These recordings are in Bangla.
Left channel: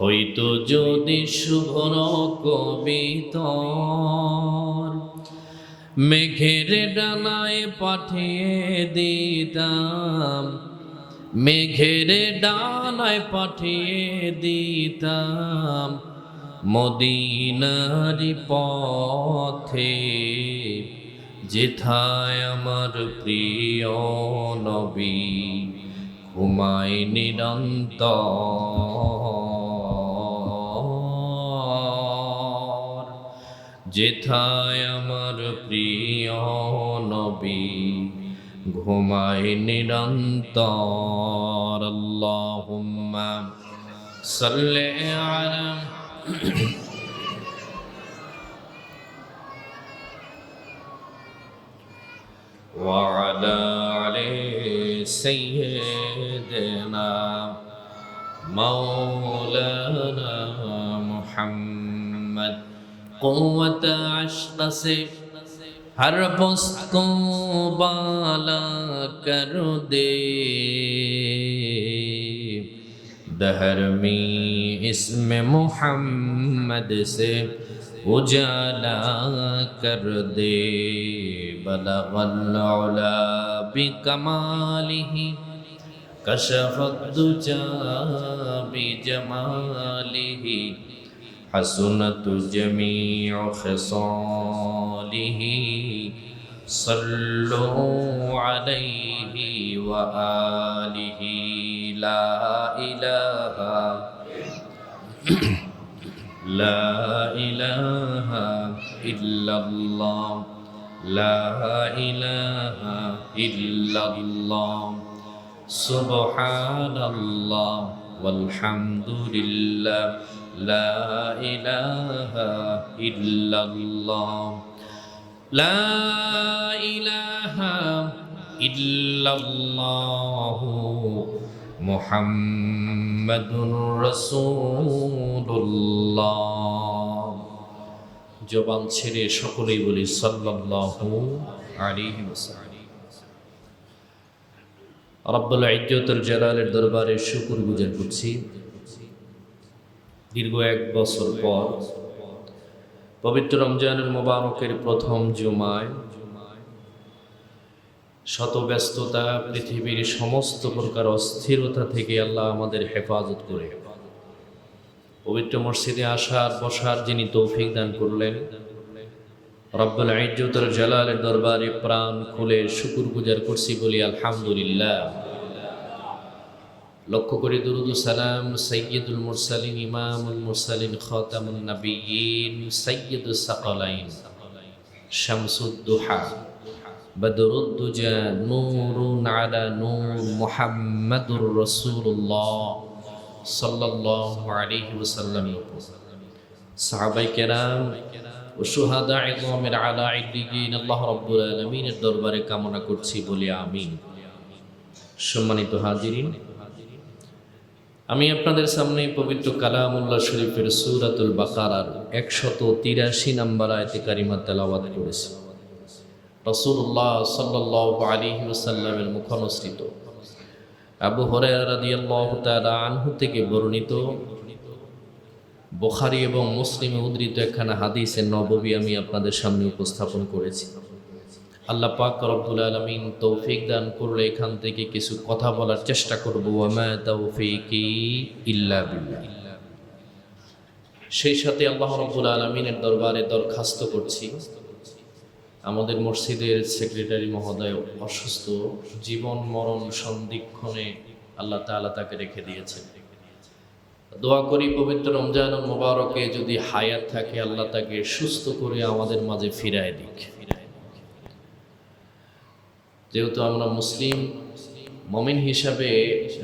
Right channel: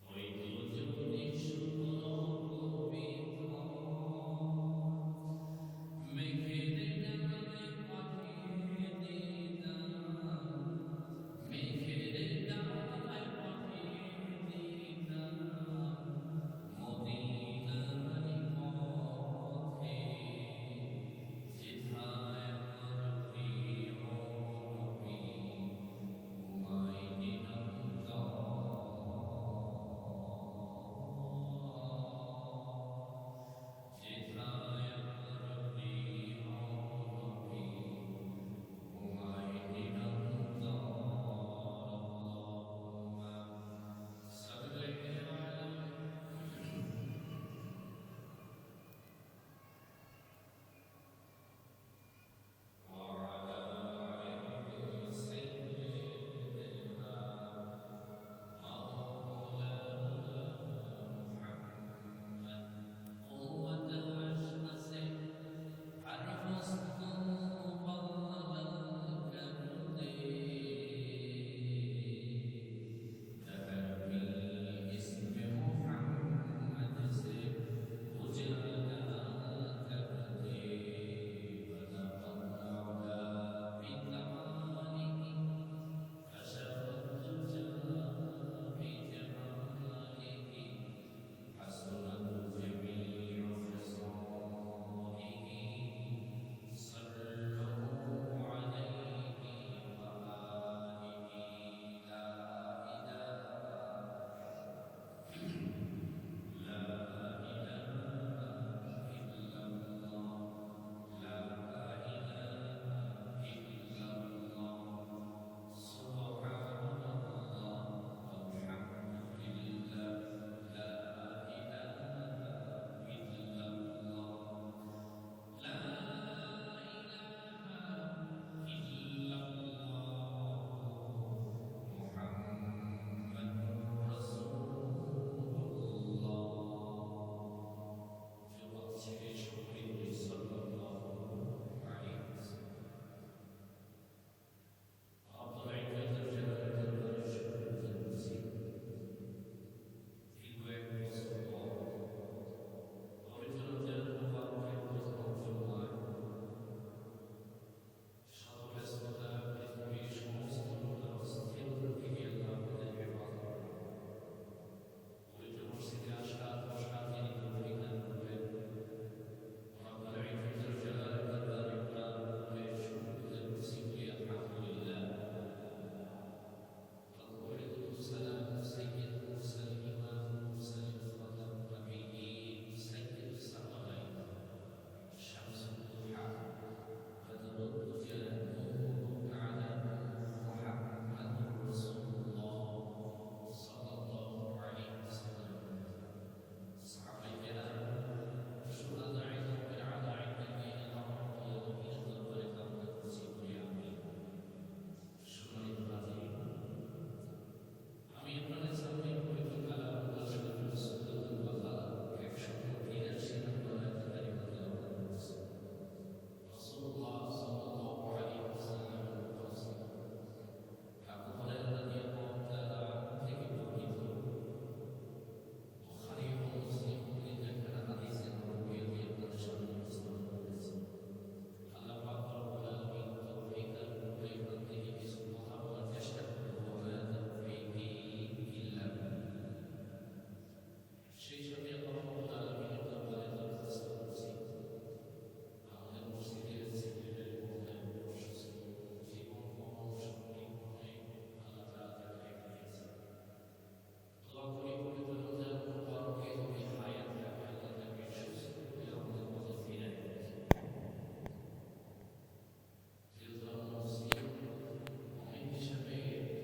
হইতো যদি শুভ্র কবিতর, মেঘের ডানায় পাঠিয়ে দিতাম, মেঘের ডানায় পাঠিয়ে দিতাম মদিনারি পথে, যেথায় আমার প্রিয় নবী ঘুমায় নিরন্তর, যেথায় আমার প্রিয় নবী ঘুমায় নিরন্তর। আল্লাহুম্মা সাল্লি আলা وعلى آل سيدنا مولانا محمد। قوت عشق سے ہر پست کو بالا کر دے، دہر میں اسم محمد سے اجالا کر دے، بلغ العلا بکمالہ کشف الدجى بجمالہ، حسنت جميع خصاله، صلوا عليه وآله۔ لا إله لا إله إلا الله، لا إله إلا الله، سبحان الله والحمد لله، لا إله إلا الله، لا إله إلا الله، محمد رسول الله۔ জবান ছেড়ে সকলেই বলি সাল্লাল্লাহু আলাইহি ওয়াসাল্লাম। রব্বুল ইজ্জতুল জালালের দরবারে শুকর গুজার করছি, দীর্ঘ 1 বছর পর পবিত্র রমজানুল মুবারকের প্রথম জুমায় শত ব্যস্ততা, পৃথিবীর সমস্ত প্রকার অস্থিরতা থেকে আল্লাহ আমাদের হেফাজত করে পবিত্র মসজিদে আসার বসার যিনি তৌফিক দান করলেন, রব্বুল ইজ্জতুল জালালের দরবারে প্রাণ খুলে শুকর গুজার করছি, বলি আলহামদুলিল্লাহ। লক্ষ্য করে দুরুদ ও সালাম সাইয়্যিদুল মুরসালিন, ইমামুল মুরসালিন, খাতামুন নবিয়্যিন, সাইয়্যিদুস সাকালাইন, শামসুদ দুহা, বদরুদ দুজা, নূরুন আলা নূর, মুহাম্মাদুর রাসূলুল্লাহ সাল্লাল্লাহু আলাইহি ওয়াসাল্লাম, সাহাবায়ে কেরাম ও শুহাদায়ে ইযমের আলা ইদ্দিগিন আল্লাহ রাব্বুল আলামিনের দরবারে কামনা করছি, বলি আমিন। সম্মানিত হাজিরিন, আমি আপনাদের সামনে পবিত্র কালামুল্লাহ শরীফের সূরাতুল বাকারার 183 নম্বর আয়াতে কারিমা তেলাওয়াত করেছি। রাসূলুল্লাহ সাল্লাল্লাহু আলাইহি ওয়াসাল্লামের মুখানুসৃত আবু হুরায়রা রাদিয়াল্লাহু তাআলা আনহু থেকে বর্ণিত বুখারী এবং মুসলিমে উদ্ধৃত একখানা হাদিসে নববী আমি আপনাদের সামনে উপস্থাপন করেছি। আল্লাহ পাক রব্বুল আলামিন তৌফিক দান করলে এখান থেকে কিছু কথা বলার চেষ্টা করব। ওয়া মা তাওফীকি ইল্লা বিল্লাহ। সেই সাথে আল্লাহ রব্বুল আলামিনের দরবারে দরখাস্ত করছি, আমাদের মসজিদের সেক্রেটারি মহোদয় অসুস্থ, জীবন মরণ সন্ধিক্ষণে আল্লাহ তাআলা তাকে রেখে দিয়েছেন। দোয়া করি পবিত্র রমজানুল মুবারকে যদি হায়াত থাকে আল্লাহ তাকে সুস্থ করে আমাদের মাঝে ফিরায় দিক। যেহেতু আমরা মুসলিম মুমিন হিসাবে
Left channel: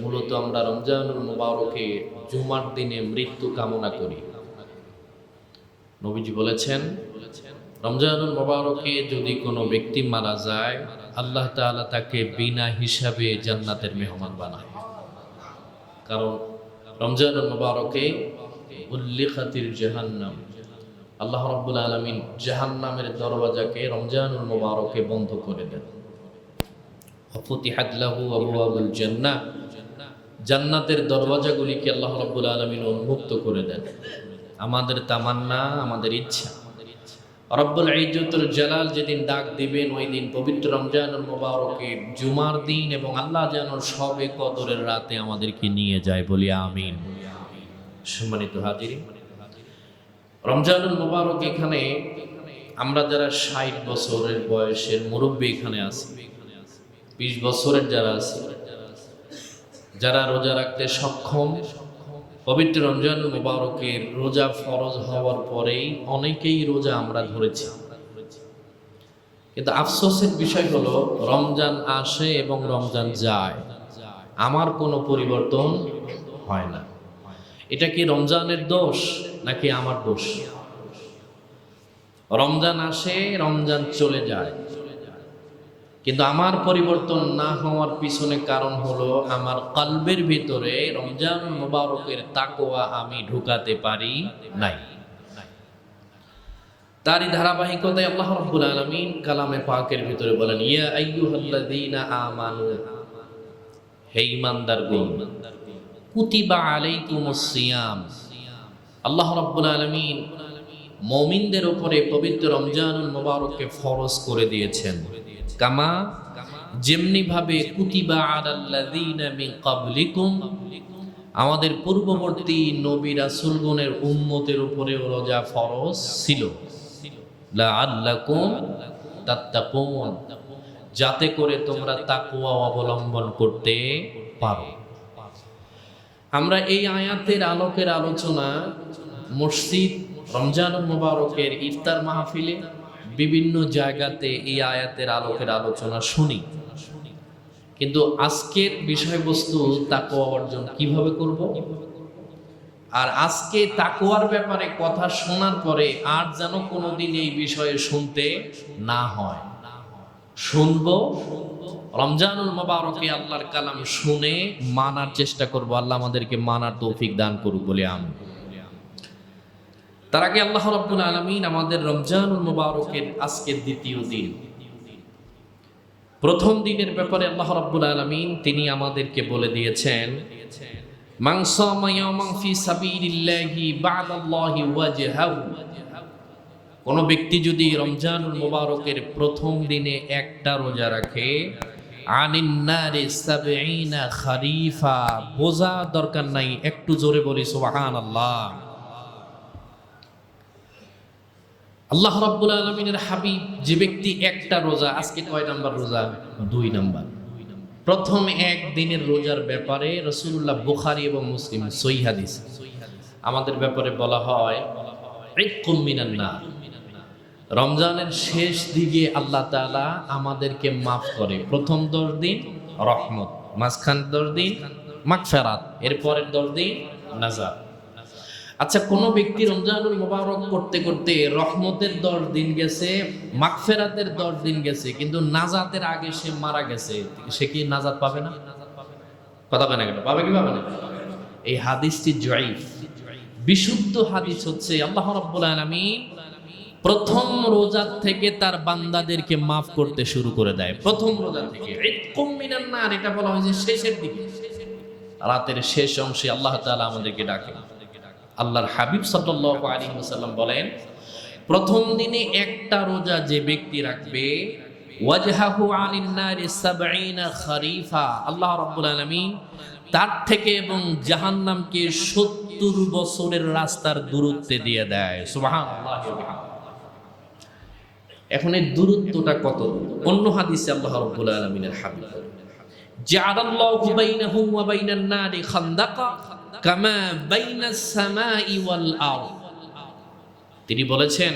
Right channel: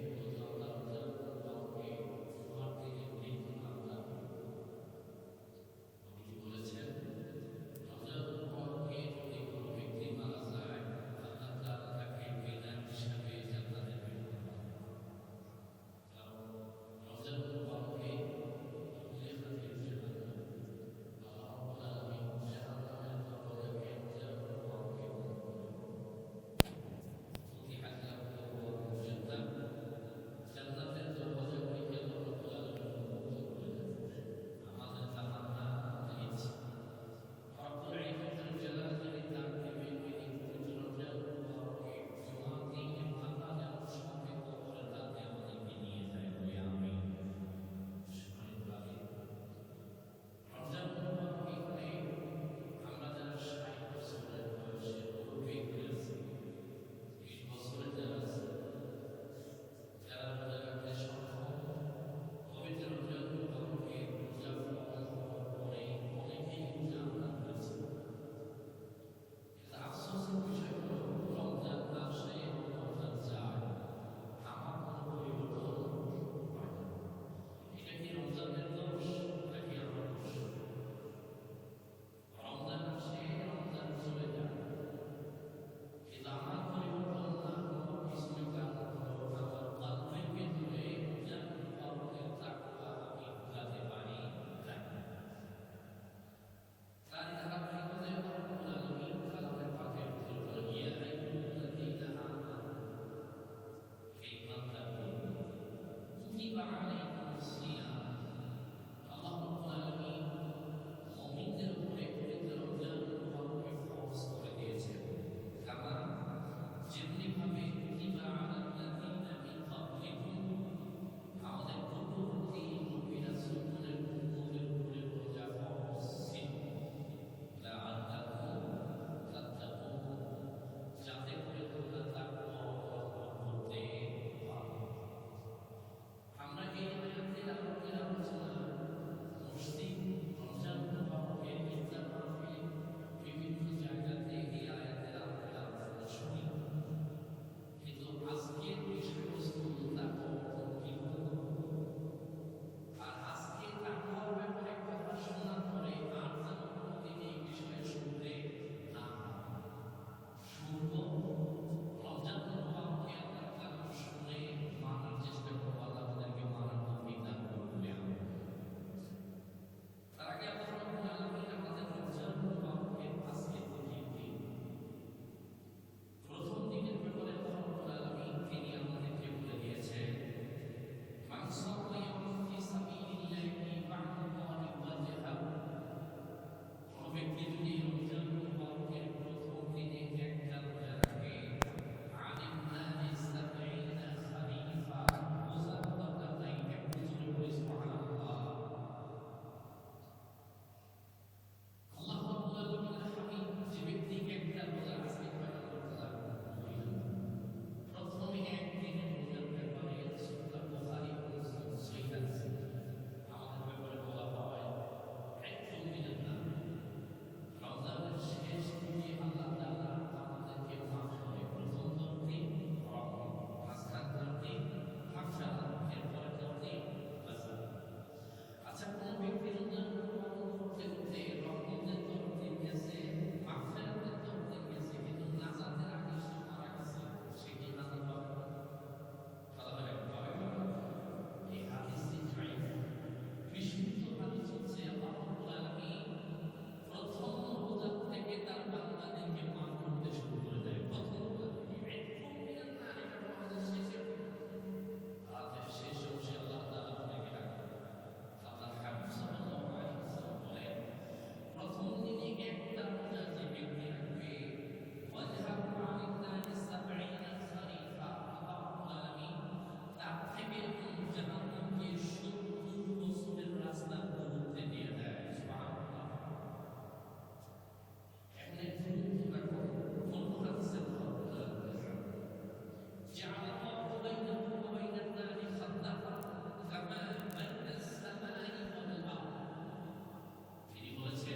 মূলত আমরা রমজানুল মুবারকে জুমার দিনে মৃত্যু কামনা করি। নবীজি বলেছেন, রমজানুল মুবারকে যদি কোনো ব্যক্তি মারা যায় আল্লাহ তাআলা তাকে বিনা হিসাবে জান্নাতের মেহমান বানায়। কারণ রমজানুল মুবারকে উল্লিখাতিল জাহান্নাম, আল্লাহ রাব্বুল আলামিন জাহান্নামের দরওয়াজাকে রমজানুল মুবারকে বন্ধ করে দেন। ফুতিহাত লাহু আবওয়াবুল জান্নাহ, জান্নাতের দরওয়াজাগুলিকে আল্লাহ রাব্বুল আলামিন উন্মুক্ত করে দেন। আমাদের তামান্না, আমাদের ইচ্ছা, রব্বুল ইজ্জতুল জালাল যেদিন ডাক দিবেন ওই দিন পবিত্র রমজানুল মুবারকের জুমার দিন এবং আল্লাহ যেন সবে কদরের রাতে আমাদেরকে নিয়ে যায়, বলি আমিন। সম্মানিত হাজিরিন, রমজানুল মুবারক এখানে আমরা যারা 60 বছরের বয়সের মুরব্বী এখানে আছি, 20 বছরের যারা আছে, যারা রোজা রাখতে সক্ষম, পবিত্র রমজানুল মুবারকের রোজা ফরজ হওয়ার পরেই অনেকেই রোজা আমরা ধরেছি। কিন্তু আফসোসের বিষয় হলো রমজান আসে এবং রমজান যায়, আমার কোনো পরিবর্তন হয় না। এটা কি রমজানের দোষ নাকি আমার দোষ? রমজান আসে, রমজান চলে যায়, কিন্তু আমার পরিবর্তন না হওয়ার পিছনে কারণ হলো আমার কলবের ভিতরে রমজানুল মুবারকের তাকওয়া আমি ঢুকাতে পারি নাই। তারই ধারাবাহিকতায় আল্লাহ রাব্বুল আলামিন কালামে পাকের ভিতরে বলেন, ইয়া আইয়ুহাল্লাযীনা আমানু, হে ঈমানদারগণ, কুতিবা আলাইকুমুস সিয়াম। আল্লাহ রাব্বুল আলামিন মুমিনদের উপরে পবিত্র রমজানুল মুবারককে ফরজ করে দিয়েছেন, কামা যেমনি ভাবে কুতিবা আলাল্লাযীনা মিন ক্বাবলিকুম, আমাদের পূর্ববর্তী নবী রাসূলগণের উম্মতের উপরেও রোজা ফরজ ছিল, লাআল্লাকুম তাত্তাকুন, যাতে করে তোমরা তাকওয়া অবলম্বন করতে পারো। আমরা এই আয়াতের আলোকের আলোচনা মসজিদ, রমজানুল মুবারকের ইফতার মাহফিলে, বিভিন্ন জায়গাতে এই আয়াতের আলোকের আলোচনা শুনি, কিন্তু আজকের বিষয়বস্তু তাকওয়া অর্জন কিভাবে করব। আর আজকে তাকওয়ার ব্যাপারে কথা শোনার পরে আর যেন কোনোদিন এই বিষয়ে শুনতে না হয়। শুনবো, রমজানুল মুবারকে আল্লাহর কালাম শুনে মানার চেষ্টা করব। আল্লাহ আমাদেরকে মানার তৌফিক দান করুক বলে আমিন। তার আগে আল্লাহ রাব্বুল আলামিন আমাদের রমজানুল মুবারকের আজকের দ্বিতীয় দিন, প্রথম দিনের ব্যাপারে আল্লাহ রাব্বুল আলামিন তিনি আমাদেরকে বলে দিয়েছেন, মান সামা ইয়াওমান ফি সাবিলিল্লাহি বা'দাল্লাহি ওয়াজহাহু, কোন ব্যক্তি যদি রমজানুল মুবারকের প্রথম দিনে একটা রোজা রাখে, আনিন নারি 70 খারিফা, বোঝা দরকার নাই, একটু জোরে বলি সুবহানাল্লাহ। আল্লাহ রাব্বুল আলামিনের হাবিব যে ব্যক্তি একটা রোজা, আজকে কয় নাম্বার রোজা? 2 নাম্বার। প্রথম এক দিনের রোজার ব্যাপারে রাসূলুল্লাহ বুখারী এবং মুসলিম সহিহ হাদিস আমাদের ব্যাপারে বলা হয়, ইকুম মিনান নার, রমজানের শেষ দিকে আল্লাহ তাআলা আমাদেরকে মাফ করে। প্রথম 10 দিন রহমত, মাঝখান 10 দিন মাগফিরাত, এরপরের 10 দিন নাজাত। আচ্ছা, কোন ব্যক্তি রমজানুল মুবারক করতে করতে রহমতের 10 দিন গেছে, মাগফিরাতের 10 দিন গেছে, কিন্তু নাজাতের আগে সে মারা গেছে, সে কি নাজাত পাবে না? কথা বলে না কেন? পাবে কি পাবে না? এই হাদিসটি জয়ীফ। বিশুদ্ধ হাদিস হচ্ছে আল্লাহ রাব্বুল আলামিন প্রথম রোজা থেকে তার বান্দাদেরকে মাফ করতে শুরু করে দেয়। প্রথম রোজা থেকে ইতকুম মিনান নার, এটা বলা হয়েছে শেষের দিকে, রাতের শেষ অংশে আল্লাহ তাআলা আমাদেরকে ডাকে। আল্লাহর হাবিব সাল্লাল্লাহু আলাইহি ওয়াসাল্লাম বলেন, প্রথম দিনে একটা রোজা যে ব্যক্তি রাখবে, ওয়াজহাহু আনিন নারি 70 খারিফা, আল্লাহ রাব্বুল আলামিন তার থেকে এবং জাহান্নামকে 70 বছরের রাস্তার দূরত্বে দিয়ে দেয়। সুবহানাল্লাহ। এখন এই দূরত্বটা কত? অন্য হাদিসে আল্লাহ রাব্বুল আলামিনের হাবিব, জাআলাল্লাহু বাইনাহু ওয়া বাইনান নারি খান্দাকা কামা বাইনাস সামাই ওয়াল আরদ, তিনি বলেছেন,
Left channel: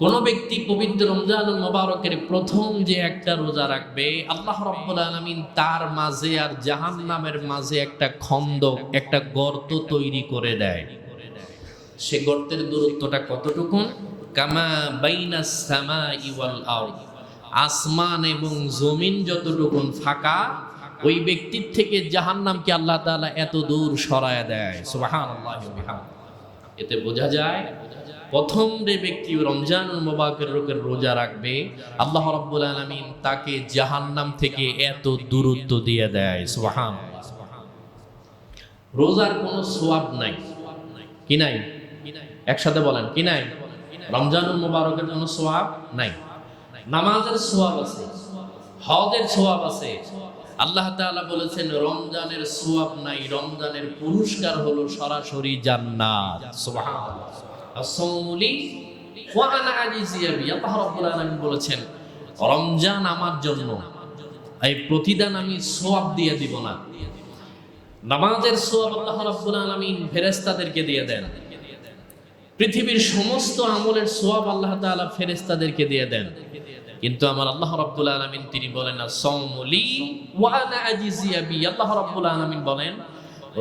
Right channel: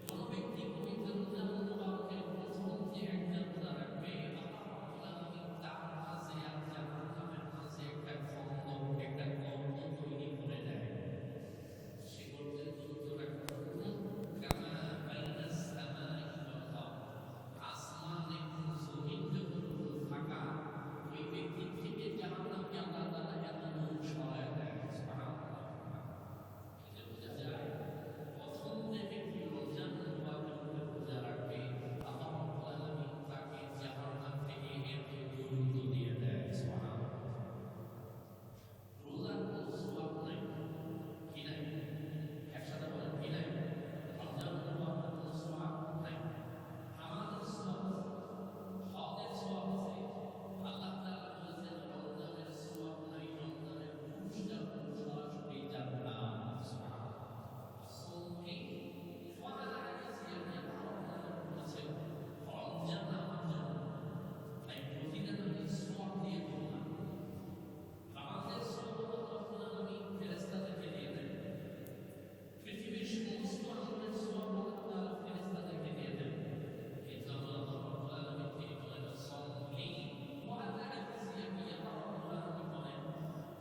কোন ব্যক্তি পবিত্র রমজানুল মুবারকের প্রথম যে একটা রোজা রাখবে, আল্লাহ রাব্বুল আলামিন তার মাঝে আর জাহান্নামের মাঝে একটা খন্দক, একটা গর্ত তৈরি করে দেয়। সে গর্তের দূরত্বটা কতটুকু? কামা বাইনাস সামাই ওয়াল আরদ, আসমান এবং জমিন যতটুকু ফাঁকা, ওই ব্যক্তির থেকে জাহান্নামকে আল্লাহ তাআলা এত দূর সরায় দেয়। সুবহানাল্লাহ। এতে বোঝা যায় প্রথম যে ব্যক্তি রমজানুল মুবারকের রোজা রাখবে, আল্লাহ রাব্বুল আলামিন তাকে জাহান্নাম থেকে এত দূরত্ব দিয়ে দেয়। সুবহানাল্লাহ। রোজার কোনো সোয়াব নাই। কি নাই? একসাথে বলেন, কি নাই? রমজানুল মুবারকের কোনো সোয়াব নাই। নামাজের সোয়াব আছে, হজের সোয়াব আছে। আল্লাহ তাআলা বলেছেন রমজানের সোয়াব নাই, রমজানের পুরস্কার হলো সরাসরি জান্নাত। সুবহানাল্লাহ। আসসাউমুলি ওয়া আনা আজিজিয়া বি। আল্লাহ রাব্বুল আলামিন বলেছেন রমজান আমার জন্য, এই প্রতিদান আমি সোয়াব দিয়ে দিব না। নামাজের সোয়াব আল্লাহ রাব্বুল আলামিন ফেরেশতাদেরকে দিয়ে দেন। পৃথিবীর সমস্ত আমলের সোয়াব আল্লাহ তাআলা ফেরেশতাদেরকে দিয়ে দেন। কিন্তু আমার আল্লাহ রাব্বুল আলামিন তিনি বলেন আসসাউমুলি ওয়া আনা আজিজিয়া বি। আল্লাহ রাব্বুল আলামিন বলেন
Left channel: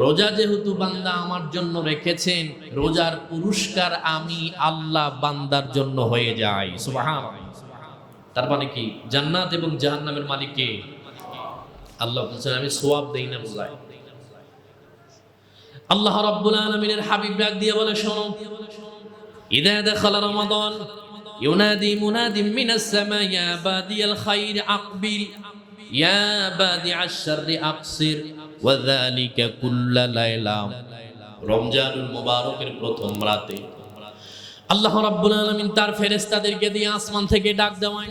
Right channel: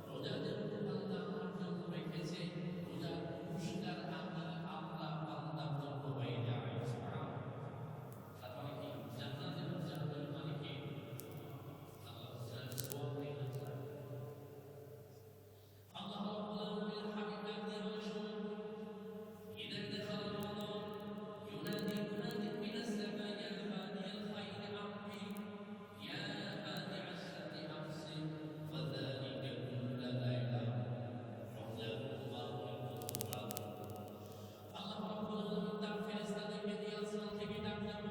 রোজা যেহেতু বান্দা আমার জন্য রেখেছেন, রোজার পুরস্কার আমি আল্লাহ বান্দার জন্য হয়ে যাই। সুবহানাল্লাহ। তার মানে কি? জান্নাত এবং জাহান্নামের মালিক কে? আল্লাহ বলেছেন আমি সোয়াব দেই না বুঝাই। আল্লাহ রাব্বুল আলামিনের হাবিব ডাক দিয়ে বলে শোনো, ইযা দাখালা রমাদান ইউনাদি মুনাদিম মিনাস সামা ইয়া বাদিয়াল খাইর আকবিল ইয়া বাদিআশ শাররি আকসির ওয়া যালিকা কুল্লা লাইলা। রমজানুল মুবারকের প্রথম রাতে আল্লাহ রাব্বুল আলামিন তার ফেরেশতাদেরকে দিয়ে আসমান থেকে ডাক দেওয়ান,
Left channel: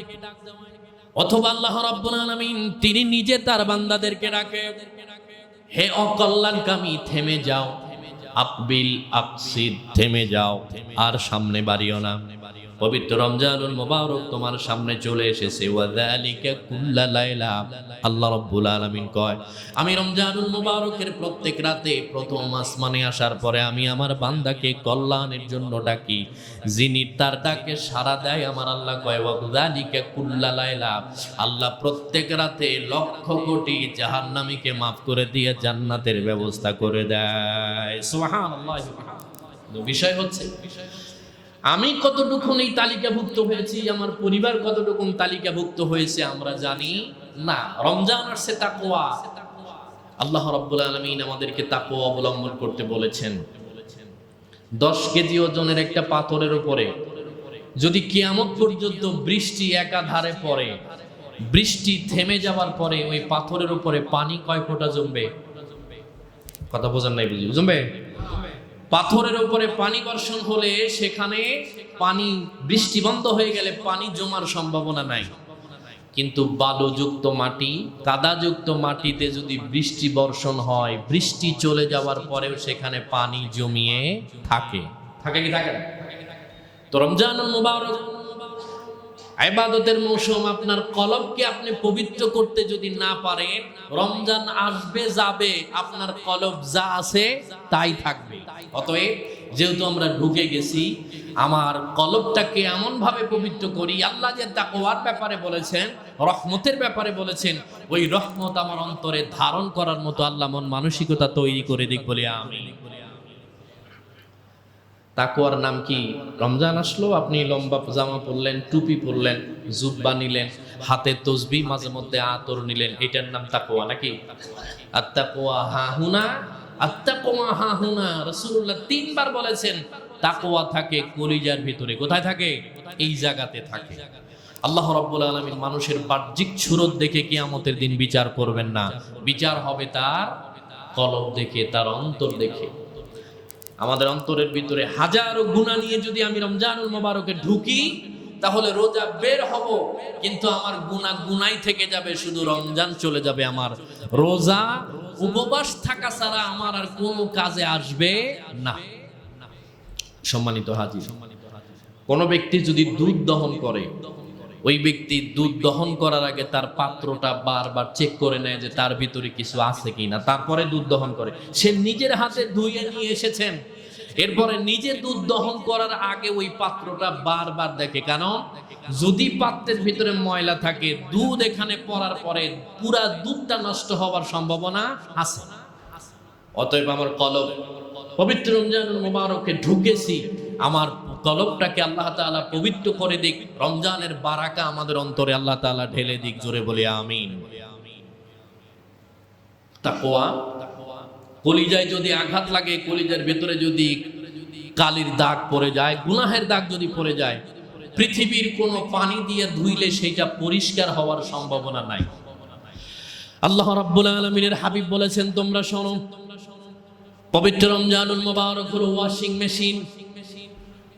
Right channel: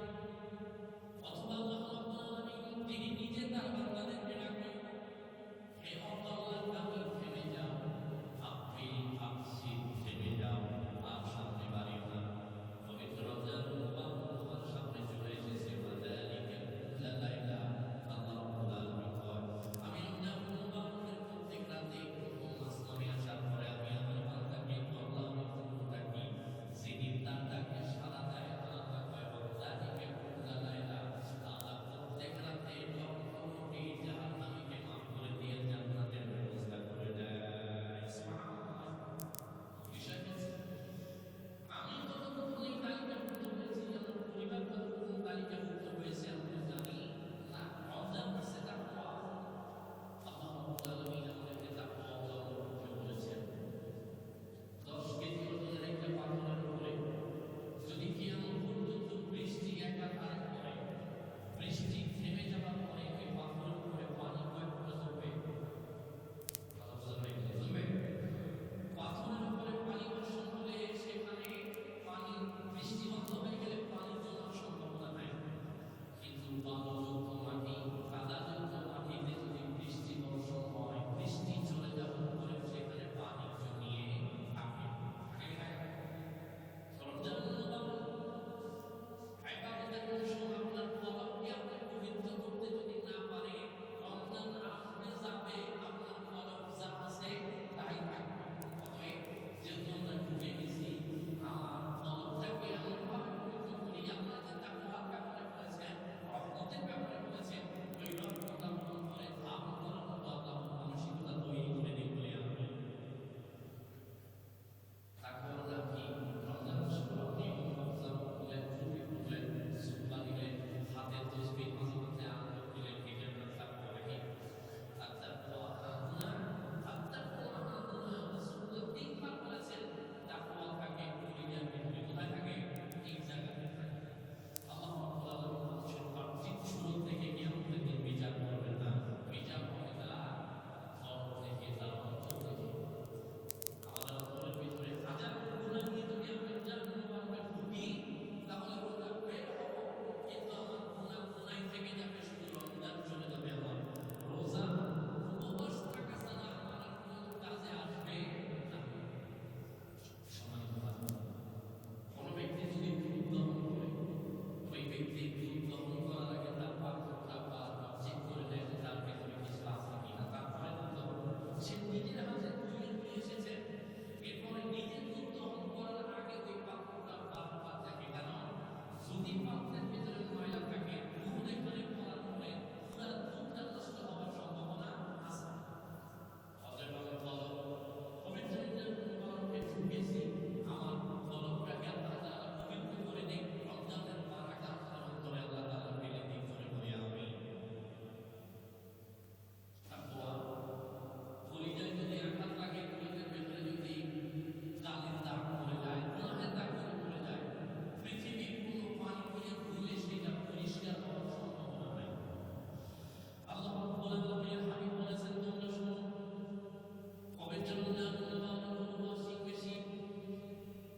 অথবা আল্লাহ রাব্বুল আলামিন তিনি নিজে তার বান্দাদেরকে ডাকে, হে অকল্যাণকামী থেমে যাও, আকবিল আকসিদ থেমে যাও, আর সামনে বাড়িও না। পবিত্র রমজানুল মুবারক তোমার সামনে চলে এসেছে। ওয়া যালিকা কুল্লা লাইলা। আল্লাহ রাব্বুল আলামিন কয় আমি রমজানুল মুবারকের প্রত্যেক রাতে প্রথম আসমানে আসার পরে আমি আমার বান্দাকে কল্যাণের জন্য ডাকি। যিনি তার ডাকে সাড়া দেয় আমার আল্লাহ কয় ওয়া যালিকা কুল্লা লাইলা। আল্লাহ প্রত্যেক রাতে লক্ষ কোটি জাহান্নামীকে মাফ করে দিয়ে জান্নাতের ব্যবস্থা করে দেয়। সুবহানাল্লাহ। বিষয় হচ্ছে আমি কতটুকু এই তালিকাভুক্ত হয়েছি, আমার পরিবার কতটুকু তালিকাভুক্ত হয়েছে আমরা জানি না। রমজান আসছে তাকওয়া। আল্লাহ রাব্বুল আলামিন আমাদেরকে তাকওয়া অবলম্বন করতে বলেছেন। 10 কেজি ওজনের একটা পাথরের উপরে যদি কিয়ামত পর্যন্ত বৃষ্টি একাধারে পড়ে, বৃষ্টি থেমে যাওয়ার পরে ওই পাথরের উপরে পানি কয় ফোঁটা জমবে? কথা বোঝেন নাই বুঝি? জমবে? পাথরের উপরে পানি বর্ষণ হলে সেখানে পানি, বৃষ্টি বন্ধ হয়ে গেলে পানি জমার সম্ভাবনা নাই। কিন্তু বালুযুক্ত মাটি, কাদাযুক্ত মাটিতে যদি বৃষ্টি বর্ষণ হয়, বৃষ্টি চলে যাওয়ার পরেও সেখানে পানি জমিয়ে থাকে। থাকে কি থাকে না? তো রমজানুল মুবারক ইবাদতের মৌসুম। আপনার কলবকে আপনি পবিত্র করতে যদি না পারেন, রমজান আসবে যাবে, আপনার কলব যা আছে তাই থাকবে। অতএব যেহেতু আমরা ঢুকে গেছি, আমার কলবটাকে এমন ভাবে পবিত্র করি। আল্লাহ যে তাকওয়ার ব্যাপারে বলেছেন, রহমতের ব্যাপারে বলেছেন, ওই রহমত আমার অন্তরে ধারণ করার মতো আল্লাহ মন মানসিকতা তৈরি করে দিক বলে আমি। তাকওয়ার নাম কি? রমজান আসলো, আপনি লম্বা জামা পরলেন, টুপি পরলেন, জুব্বা নিলেন, হাতে তসবিহ, মাঝে মধ্যে আতর নিলেন, এটার নাম তাকওয়া নাকি? আত্তাকওয়া হাহুনা, আত্তাকওয়া হাহুনা। রাসূলুল্লাহ 3 বার বলেছেন তাকওয়া থাকে কলিজার ভিতরে। কোথায় থাকে? এই জায়গাতে থাকে। আল্লাহ রাব্বুল আলামিন মানুষের বাহ্যিক সুরত দেখে কিয়ামতের দিন বিচার করবেন না, বিচার হবে তার কলব দেখে, তার অন্তর দেখে। আমাদের অন্তরের ভিতরে হাজারো গুনাহ নিয়ে যদি আমি রমজানুল মুবারকে ঢুকি, তাহলে রোজা বের হব, কিন্তু আমার গুনাহ গুনাই থেকে যাবে, শুধু রমজান চলে যাবে। আমার রোজা উপবাস থাকা ছাড়া আমার আর কোনো কাজে আসবে না। সম্মানিত হাজির, কোন ব্যক্তি যদি দুধ দহন করে, ওই ব্যক্তি দুধ দহন করার আগে তার পাত্রটা বারবার চেক করে নেয় যে তার ভিতরে কিছু আছে কিনা, তারপরে দুধ দহন করে। সে নিজের হাতে ধুয়ে নিয়ে এসেছেন, এরপরে নিজে দুধ দহন করার আগে ওই পাত্রটা বারবার দেখে। কারণ যদি পাত্রের ভিতরে ময়লা থাকে, দুধ এখানে পড়ার পরে পুরা দুধটা নষ্ট হওয়ার সম্ভাবনা আছে। অতএব আমার কলব, পবিত্র রমজানুল মুবারকে ঢুকেছি, আমার কলবটাকে আল্লাহ তাআলা পবিত্র করে দিক, রমজানের বারাকা আমাদের অন্তরে আল্লাহ তাআলা ঢেলে দিক। জোরে বলি আমিন। তাকওয়া, কলিজায় যদি আঘাত লাগে, কলিজার ভেতরে যদি কালির দাগ পড়ে যায়, গুনাহের দাগ যদি পড়ে যায়, পৃথিবীর কোনো পানি দিয়ে ধুইলে সেটা পরিষ্কার হওয়ার সম্ভাবনা নাই। আল্লাহ রাব্বুল আলামিনের হাবিব বলেছেন, তোমরা শোনো, পবিত্র রমজানুল মুবারক হলো ওয়াশিং মেশিন।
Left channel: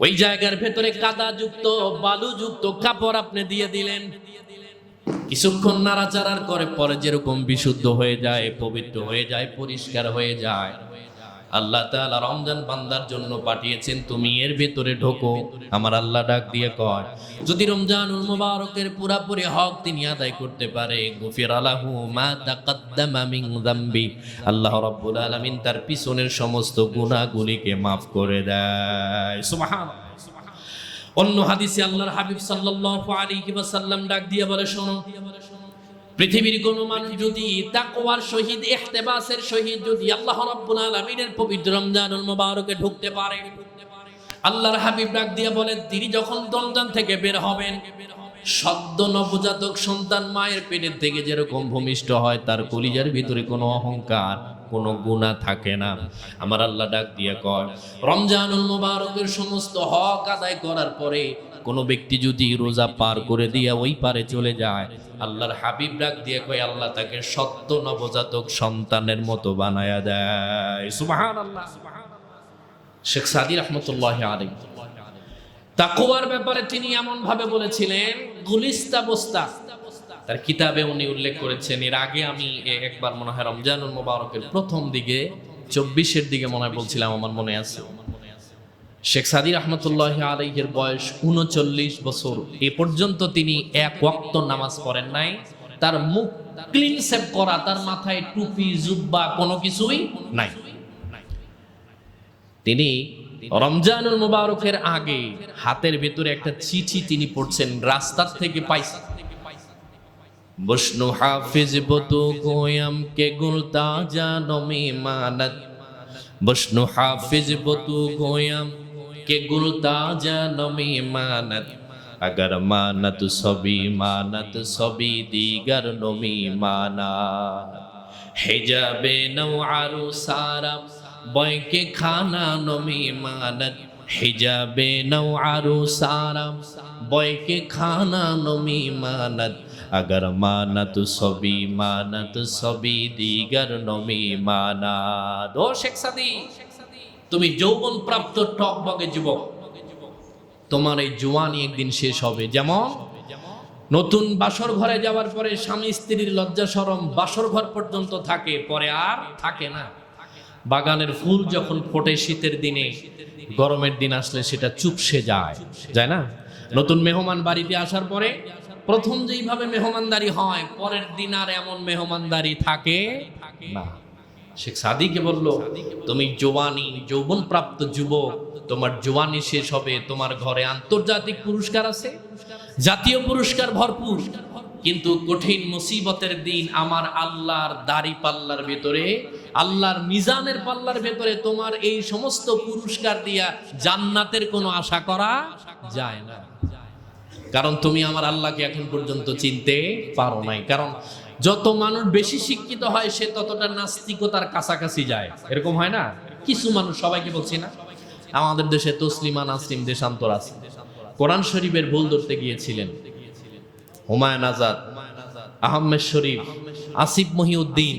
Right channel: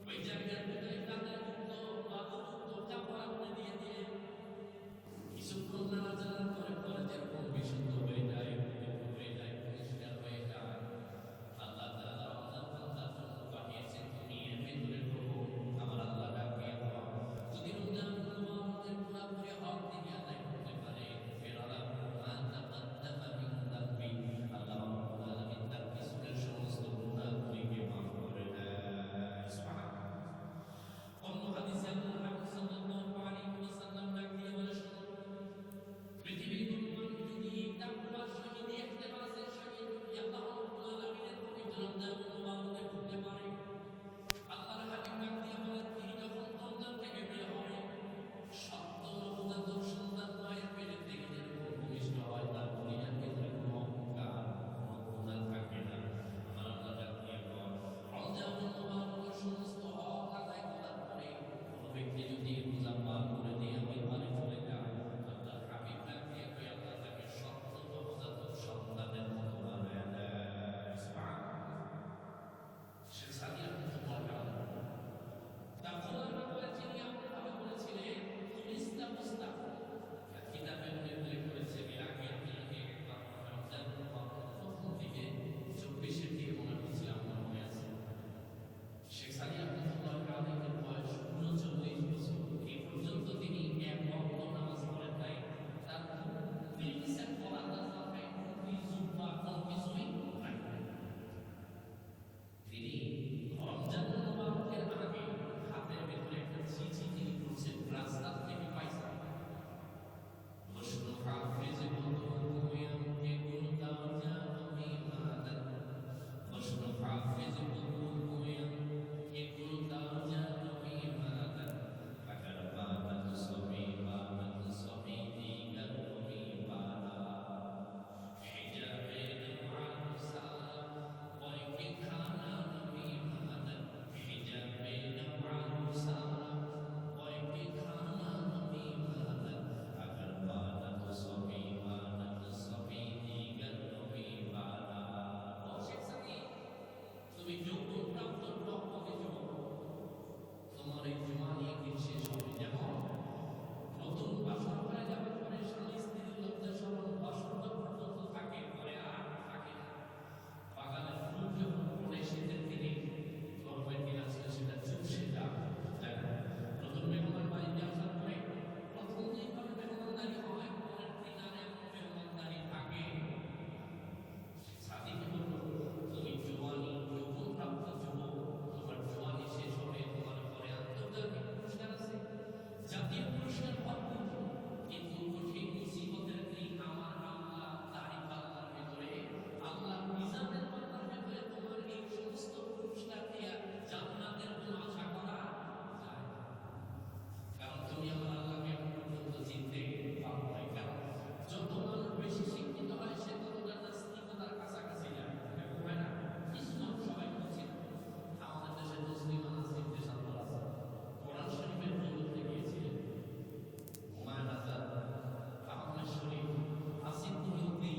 ওই জায়গার ভেতরে কাদাযুক্ত বালুযুক্ত কাপড় আপনি দিয়ে দিলেন, কিছুক্ষণ নাড়াচাড়ার করে পরে যেরকম বিশুদ্ধ হয়ে যায়, পবিত্র হয়ে যায়, পরিষ্কার হয়ে যায়। আল্লাহ তাআলা রমজান বান্দার জন্য পাঠিয়েছেন, তুমি এর ভেতরে ঢোকো। আমার আল্লাহ ডাক দিয়ে কয়, যদি রমজানুল মুবারকের পুরাপুরি হক তিনি আদায় করতে পারে, গুফিরা লাহু মা তাকাদ্দামা মিন যামবি, আল্লাহ রাব্বুল আলামিন তার পিছনের সমস্ত গুনাহগুলিকে maaf করে দেয়। সুবহানাল্লাহ। অন্য হাদিসে আল্লাহর হাবিব সাল্লাল্লাহু আলাইহি ওয়াসাল্লাম ডাক দিয়ে বলে, শোনো, পৃথিবীর কোন মানুষ যদি তাকওয়ার সহিত ইহতিবাসের সহিত যদি আল্লাহ রাব্বুল আলামিনের পবিত্র রমজানুল মুবারকে ঢুকতে পারে, আল্লাহর হাবিব ডাক দিয়ে বলেন, তিনি যখন রমজান থেকে বের হবেন, সদ্য নবজাতক সন্তান মায়ের পেটের থেকে যেরকম ভূমিষ্ঠ হয়, তার কলিজার ভিতরে কোনো অহংকার, কোনো গুনাহ থাকে না। আমার আল্লাহ ডাক দিয়ে কয়, রমজানুল মুবারকের সমস্ত হক আদায় করার পরে কোনো ব্যক্তি যদি রোজা পার করে দিয়ে ওই পারে চলে যায়, আল্লাহর হাবিব ডাক দিয়ে কয়, আল্লাহ তাকে সদ্য নবজাতক সন্তানের মতো বানায়া দেয়। সুবহানাল্লাহ। শেখ সাদী রাহমাতুল্লাহি আলাইহি তাকওয়ার ব্যাপারে তিনি এমন ভাবে বলেছিলেন, গুলিস্তা বস্তা তার কিতাবে উনি উল্লেখ করেছেন। এর আগে আমি একবার মনে হয় রমজানুল মুবারকের প্রথম দিকে 24-এর দিকে মনে হয় বলছিলাম, আমার মনে আছে। শেখ সাদী রাহমাতুল্লাহি আলাইহির বয়স 39 বছর। এ পর্যন্ত তিনি এক ওয়াক্ত নামাজ পড়েন নাই। তার মুখ ক্লিন শেভ করা, তার মাথায় টুপি জুব্বা কোনো কিছুই নাই। তিনি রমজানুল মুবারকের আগে হাতের ভেতরে একটা চিঠি তিনি পড়ছেন, রাস্তার থেকে পাইছেন। বসনু হাফিজ বতু গোয়াম কে গুলতা জানমি মানত, বসনু হাফিজ বতু গোয়াম কে গুলতা জানমি মানত, अगर मानत सभी दीगर नमी माना, हिजाबे नौआरु सारा बॉय के खाना नमी मानत, हिजाबे नौआरु सारा बॉय के खाना नमी मानत, अगर मानत सभी दीगर नमी माना। दो शेख सादी, তুমি যৌবন প্রাপ্ত টকবগে যুবক, তোমার এই জওয়ানি একদিন শেষ হবে। যেমন নতুন বাসর ঘরে যাওয়ার পরে স্বামী স্ত্রীর লজ্জা শরম বাসর ঘর পর্যন্ত থাকে, পরে আর থাকে না। বাগানের ফুল যখন ফোটে শীতের দিনে, গরমের দিন আসলে সেটা চুপসে যায়, যায় না? নতুন মেহমান বাড়িতে আসার পরে প্রথম যেইভাবে মেহমানদারি হয়, পরের দিন আর এমন মেহমানদারি থাকে না। শেখ সাদীকে বলল, তুমি জওয়ানি যৌবন প্রাপ্ত যুবক, তোমার জওয়ানি শেষ হবে, তোমার ঘরে আন্তর্জাতিক পুরস্কার আছে, জাতীয় পুরস্কার ভরপুর, কিন্তু কঠিন মুসিবতের দিন আমার আল্লাহর দাড়ি পাল্লার ভেতরে, আল্লাহর মিজানের পাল্লার ভেতরে তোমার এই সমস্ত পুরস্কার দিয়া জান্নাতের কোনো আশা করা যায় না। কারণ তুমি আমার আল্লাহকে এখন পর্যন্ত চিনতে পারো নাই। কারণ যত মানুষ বেশি শিক্ষিত হয়, সে ততটা নাস্তিকতার কাছাকাছি যায়। এরকম হয় না? কিছু মানুষ, সবাইকে বলছি না, আমাদের দেশে তসলিমা নাসরিন দেশান্তর আছে, কোরআন শরীফের ভুল ধরতে গিয়েছিলেন। হুমায়ুন আজাদ, আহমেদ শরীফ, আসিফ মহিউদ্দিন,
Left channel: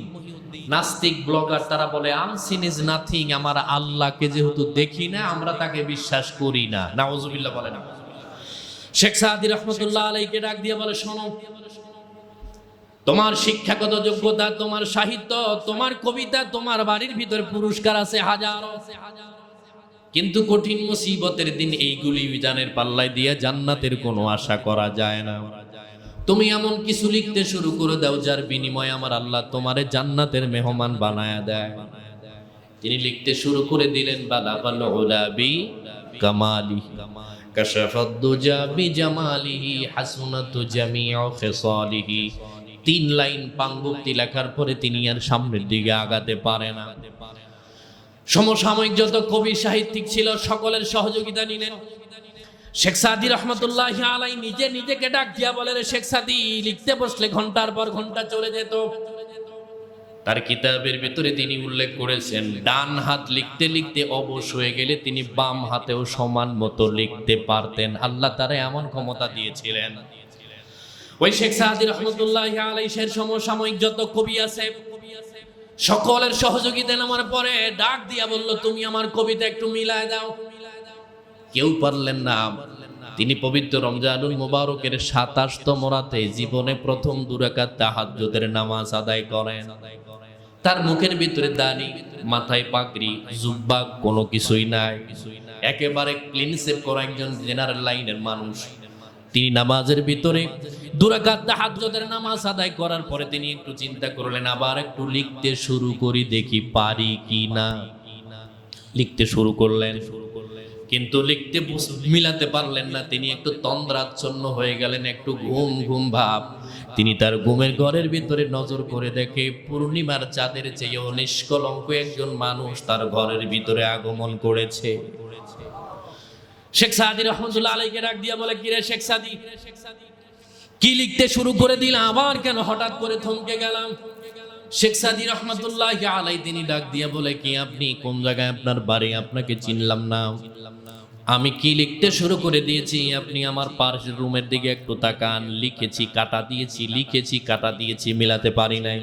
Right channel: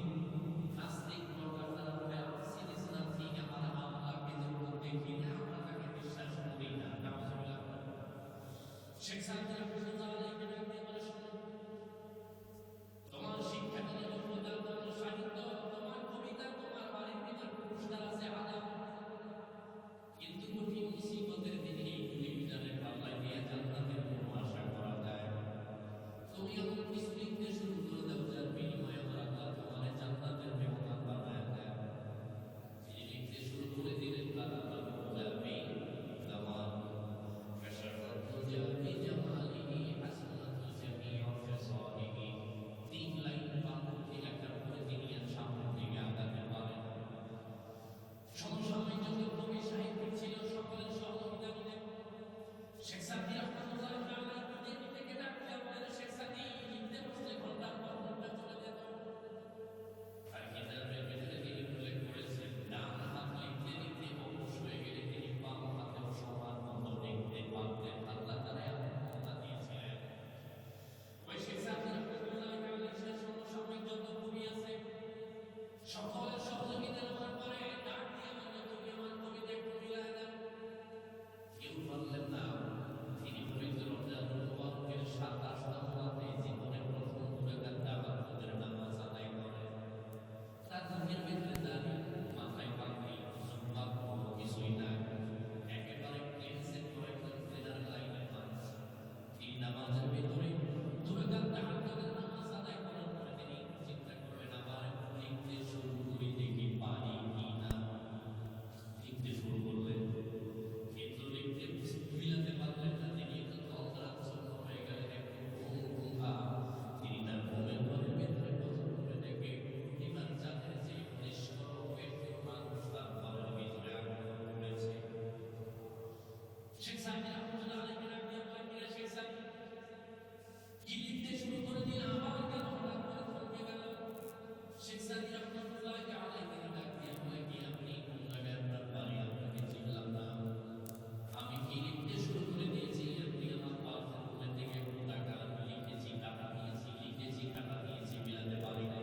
নাস্তিক ব্লগার, তারা বলে আনসিন ইজ নাথিং, আমার আল্লাহকে যেহেতু দেখি না আমরা তাকে বিশ্বাস করি না। নাউজুবিল্লাহ বলে না। শেখ সাদী রাহমাতুল্লাহ আলাইহিকে ডাক দিয়ে বলে, শোনো, তোমার শিক্ষাগত যোগ্যতা, তোমার সাহিত্য, তোমার কবিতা, তোমার বাড়ির ভিতরে পুরস্কার আছে হাজারো, কিন্তু কঠিন মুসিবতের দিন এইগুলি মিজানের পাল্লায় দিয়ে জান্নাতের কোনো আশা করা যায় না। তুমি এমন কিছু লিখতে শুরু করে দাও যার বিনিময়ে আমার আল্লাহ তোমারে জান্নাতের মেহমান বানায়া দেয়। তিনি লিখতে শুরু করে দিলেন, বালাগাল উলাবি কামালি কাশাফাদ দুজা বিজামালিহি হাসনাতু জামিউ খিসালিহি। 3 লাইন পাঙ্গুক্তি লেখার পরে তিনি আর সামনের দিকে আগাতে পারে না। সমসাময়িক যত কবি সাহিত্যিক ছিল সকলের সহযোগিতা নিলেন। শেখ সাদী রহমতুল্লাহি আলাইহি নিজেকে ডাক দিয়া বলে, রে শেখ সাদী, লিখতে বসলে ঘন্টার পর ঘন্টা চলে যেত। তার কিতাবের ভিতরে তিনি উল্লেখ করেছেন, ডান হাত লিখতে লিখতে অবশ হয়ে গেলে তিনি বাম হাতেও সমান মতো লিখতে পারতেন। আল্লাহ তারে এমন ক্ষমতা দিয়েছিলেন। ওই শেখ সাদী রহমতুল্লাহি আলাইহির সমসাময়িক যত কবি আছে সকলের সহযোগিতা নেওয়ার পরে ডাক দিয়া বলল, তুমি আমার কবিতা একটু মিলায় দাও। কেউ পারলেন না। তিনি পবিত্র রমজানুল মুবারকের ২৭তম রাতে জীবনে প্রথম ২ রাকাত তাহাজ্জুদের নামাজ আদায় করেন। তার মুখের ভিতরে দাড়ি, মাথায় পাগড়ি, জুব্বা, কোনো কিছুই নাই, একেবারে ক্লিন শেভ করা একজন জেনারেল লাইনের মানুষ। তিনি নামাজের ভিতরে ২ রাকাত তাহাজ্জুদের নামাজ আদায় করার পরে তিনি একটু চিন্তা করলেন, আবার একটু লিখতে শুরু করি, দেখি পারি কি না। লিখতে শুরু করলেন, কিন্তু লিখতে মিলাতে পারলেন না। তিনি একটু তন্দ্রাচ্ছন্ন হয়ে গেলেন, একটু ঘুম ঘুম ভাব। তিনি তার ঘুমের ঘরের ভিতরে নজর করে দেখে পূর্ণিমার চাঁদের চেয়েও নিষ্কলঙ্ক একজন মানুষ তার ঘরের ভিতরে আগমন করেছে। শেখ সাদী রহমতুল্লাহ আলাইহিকে ডাক দিয়া বলে, কিরে শেখ সাদী, কি লিখতে শুরু করে দিলাম, আবার কেন হঠাৎ করে থমকে গেলাম? শেখ সাদী রহমতুল্লাহ আলাইহি তিনি ডাক দিয়া বলে, কি আপনি কোন জায়গায় আপনার বাড়ি, আপনাকে চিনলাম না। আমি কি লিখতে শুরু করে দিয়েছি, আপনি আমার পাশের রুমের দিকে একটু তাকান। লিখেছি, কাটা দিয়েছি, লিখেছি, কাটা দিয়েছি, মিলাতে পারি নাই।